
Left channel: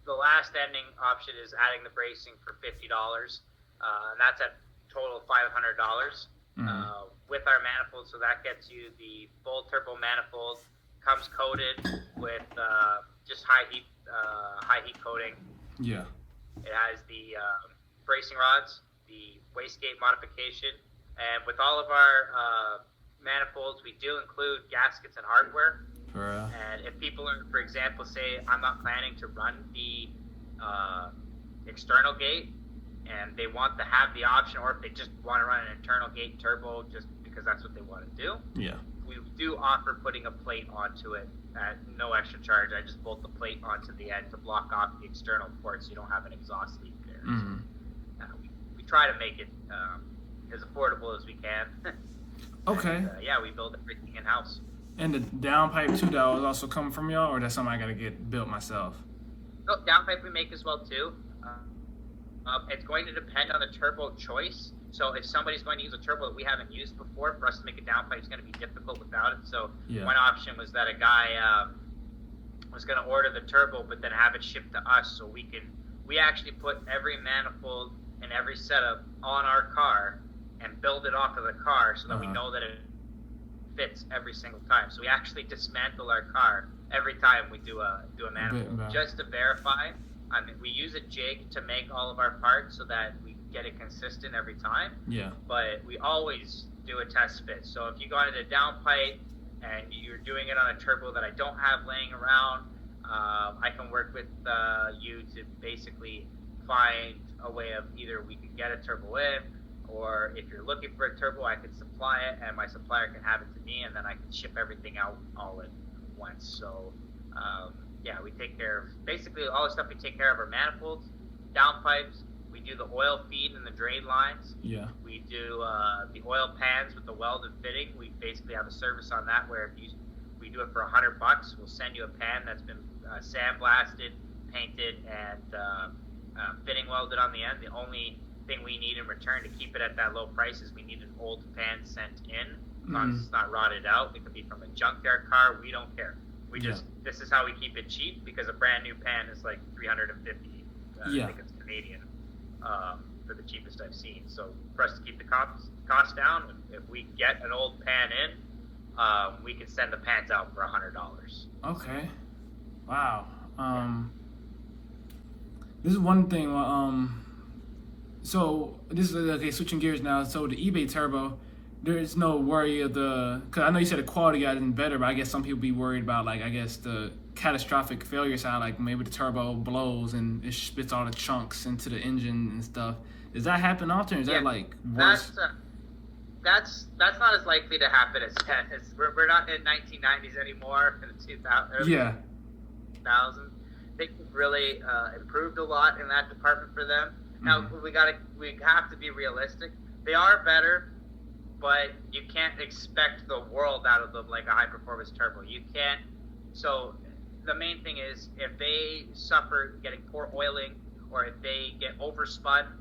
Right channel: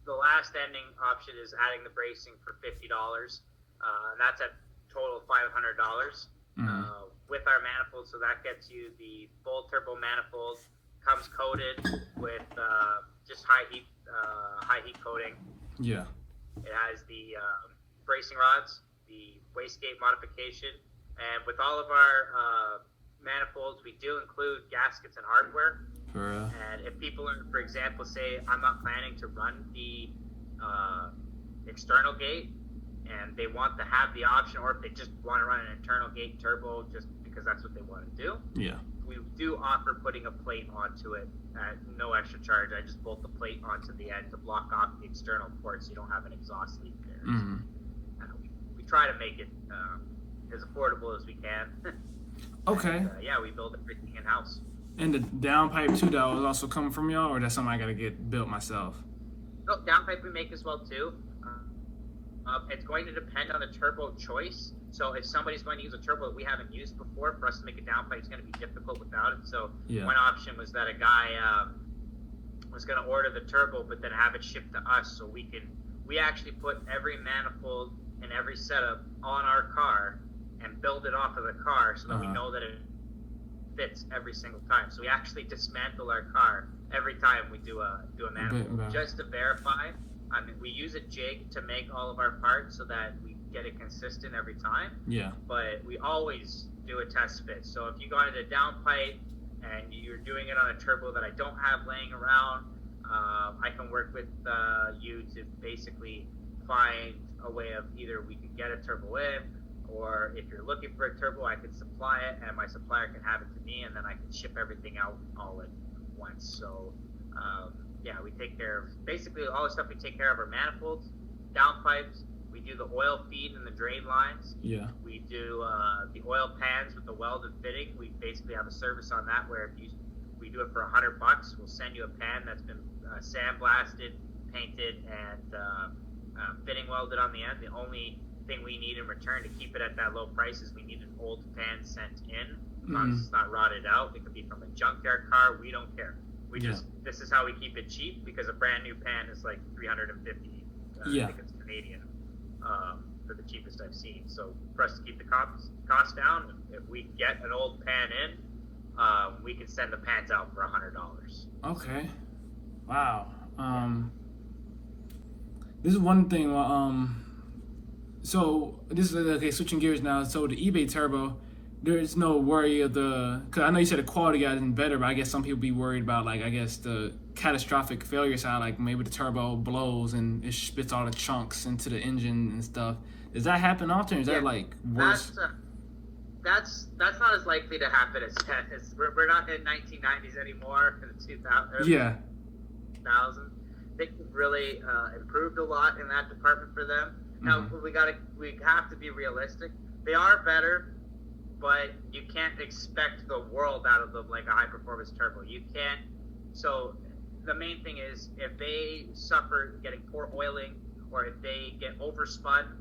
the last ending option is adding the bracing for $50, and that's at total of $500 with our manifold. So that gets you the full turbo manifold, comes coated with just high heat coating. Yeah. It has the bracing rods, the wastegate modification, and with all of our manifolds, we do include gaskets and hardware. And if people are, for example, say I'm not planning to run the external gate, and they want to have the option, or if they just want to run an internal gate turbo just because that's what they want to do, Yeah. we do offer putting a plate onto it at no extra charge. I just bolt the plate onto the end to block off the external port so you don't have an exhaust leak there. So, we try to make it as affordable as we can. Okay. And, yeah, we build everything in-house. And the downpipe too, that was also coming from y'all, or that's something I gotta get built myself? No, downpipe we make as well too. It's going to depend on the turbo choice. So if somebody's going to use a turbo that we haven't used before, for us to make a downpipe is going to be difficult without it. So one option was that a guy was going to order the turbo, but then have it shipped to us, so we actually put every manifold and every setup on our car and build it off of the car so that we know that it fits every single time. So we actually dismantle our car every time we do a manifold just to verify. I mean, we use a jig to make all of our parts so that we get it consistent every time. Yeah. But we always do a test fit. So if you go into a downpipe and you're doing it on a turbo that I don't have laying around, I can work with you to basically find a way of either we can get a turbo in, or if you're looking for a turbo, I can supply it, and my supplier can have it to me, and then I can ship everything out all at once. So, yeah, we take care of basically all the stuff. We take care of our manifolds, downpipes. We do the oil feed and the drain lines. Yeah. We do the oil pans with the welded fitting. We basically have a service on that where if we do it for $100, we'll send you a pan that's been sandblasted, painted, and fitting welded on the end. The only thing we need in return to keep it at that low price is we need an old pan sent in. As long as it's not rotted out. It could be from a junkyard car. We don't care. This is how we keep it cheap, because a brand new pan is like $350. I think it's Canadian for the cheapest I've seen. So for us to keep the cost down, if we get an old pan in, we can send the pans out for $100. Okay. Wow. This is one thing. So this is okay. Switching gears now. So the eBay turbo, there's no worry of because I know you said the quality got isn't better, but I guess some people be worried about, like, I guess the catastrophic failure side, like maybe the turbo blows and it spits all the chunks into the engine and stuff. Does that happen often? Or is that like worse? That's not as likely to happen as we're not in 1990s anymore. In the 2000s, things have really improved a lot in that department for them. Now we have to be realistic. They are better, but you can't expect the world out of them like a high performance turbo. You can't. So the main thing is if they suffer getting poor oiling, or if they get overspun.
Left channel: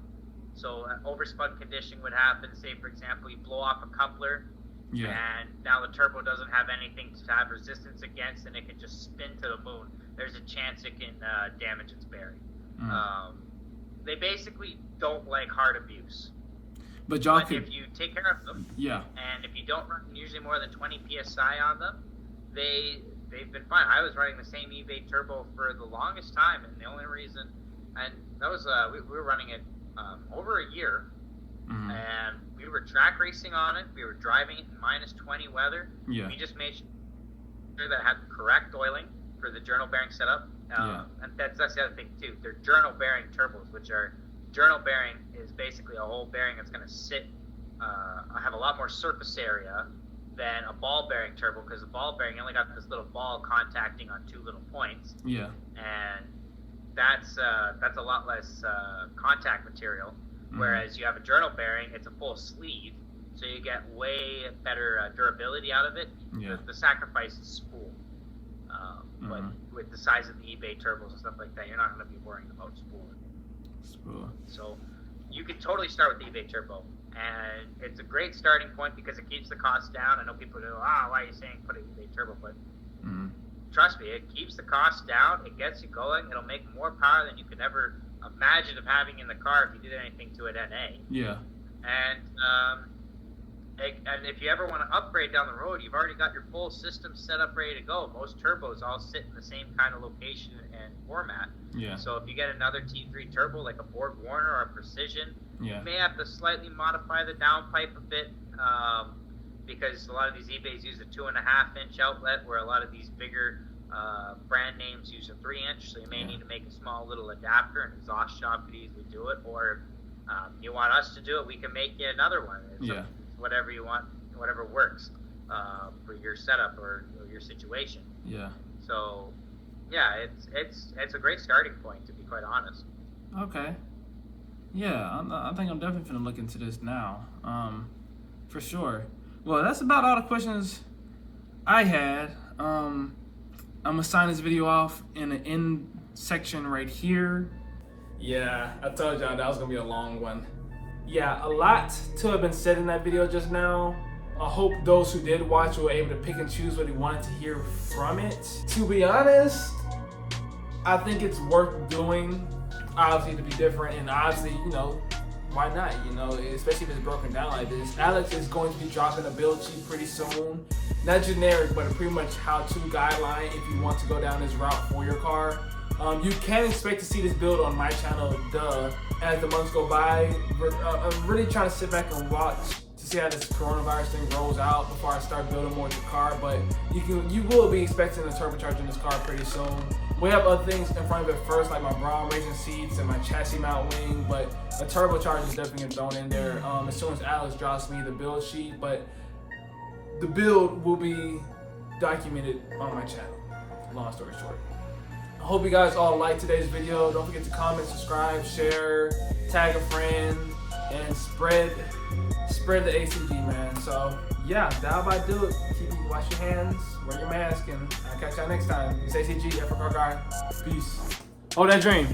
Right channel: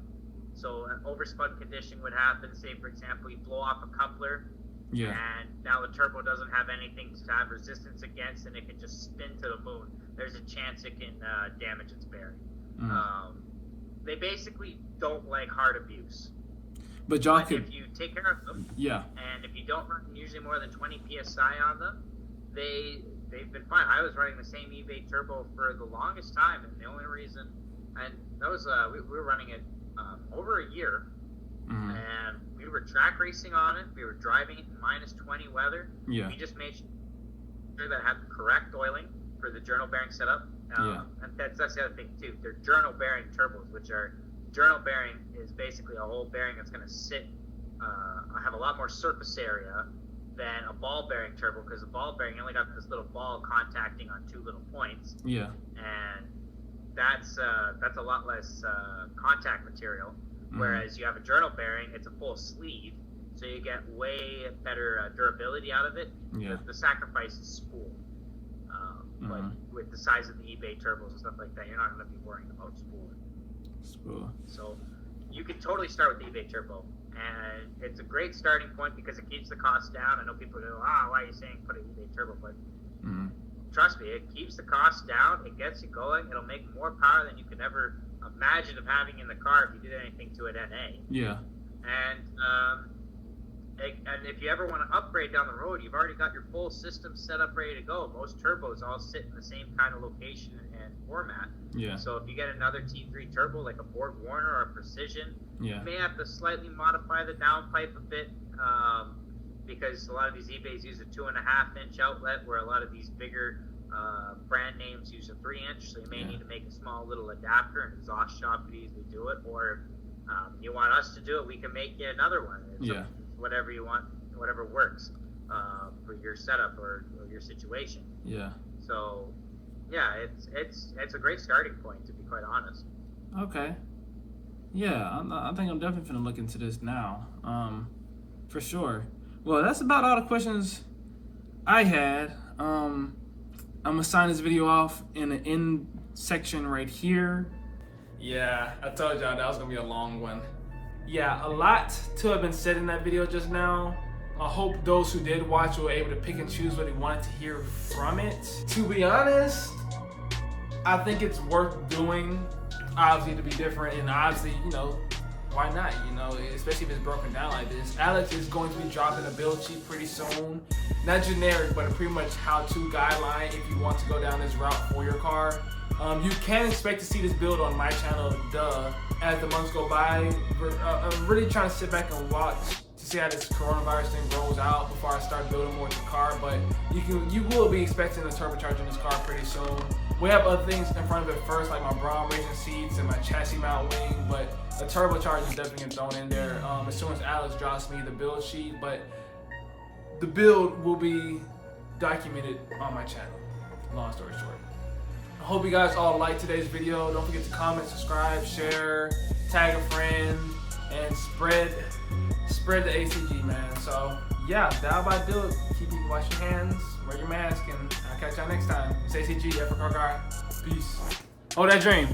So an overspun condition would happen. Say, for example, you blow off a coupler, and now the turbo doesn't have anything to have resistance against, and it can just spin to the moon. There's a chance it can damage its bearing. They basically don't like hard abuse. But if you take care of them, and if you don't run usually more than 20 psi on them, they've been fine. I was running the same eBay turbo for the longest time, and the only reason, and that was we were running it over a year, and we were track racing on it. We were driving it in -20 weather. We just made sure that it had the correct oiling for the journal bearing setup. And that's the other thing too. They're journal bearing turbos, which are journal bearing is basically a whole bearing that's going to sit, have a lot more surface area than a ball bearing turbo, because the ball bearing only got this little ball contacting on two little points. And that's a lot less contact material. Whereas you have a journal bearing, it's a full sleeve, so you get way better durability out of it. The sacrifice is spool. But with with the size of the eBay turbos and stuff like that, you're not going to be worrying about spooling. So you can totally start with the eBay turbo, and it's a great starting point because it keeps the cost down. I know people go, why are you saying put an eBay turbo? But trust me, it keeps the cost down. It gets you going. It'll make more power than you could ever imagine of having in the car if you did anything to it NA. Yeah. And if you ever want to upgrade down the road, you've already got your full system set up, ready to go. Most turbos all sit in the same kind of location and format. Yeah. So if you get another T3 turbo, like a Borg Warner or a Precision, Yeah. you may have to slightly modify the downpipe a bit, because a lot of these eBays use a 2.5-inch outlet, where a lot of these bigger brand names use a 3-inch. So you may need to make a small little adapter. An exhaust shop could easily do it, or you want us to do it, we can make you another one. It's whatever you want, whatever works for your setup or your situation. Yeah. So, yeah, it's a great starting point, to be quite honest. Okay. Yeah, I think I'm definitely gonna look into this now. For sure. Well, that's about all the questions I had. I'm gonna sign this video off in the end section right here. Yeah, I told y'all that was gonna be a long one. Yeah, a lot to have been said in that video just now. I hope those who did watch were able to pick and choose what they wanted to hear from it. To be honest, I think it's worth doing, obviously, to be different, and obviously, why not, especially if it's broken down like this. Alex is going to be dropping a build sheet pretty soon. Not generic, but a pretty much how-to guideline if you want to go down this route for your car. You can expect to see this build on my channel, as the months go by. I'm really trying to sit back and watch to see how this coronavirus thing rolls out before I start building more of the car. But you will be expecting a turbocharger in this car pretty soon. We have other things in front of it first, like my Brown racing seats and my chassis mount wing, but a turbocharger is definitely getting thrown in there as soon as Alex drops me the build sheet. But the build will be documented on my channel. Long story short. I hope you guys all liked today's video. Don't forget to comment, subscribe, share, tag a friend, and spread the ACG, man. So yeah, that'll about do it. Wash your hands, wear your mask, and I'll catch y'all next time. It's ACG, Africa Guy. Peace. Hold that dream.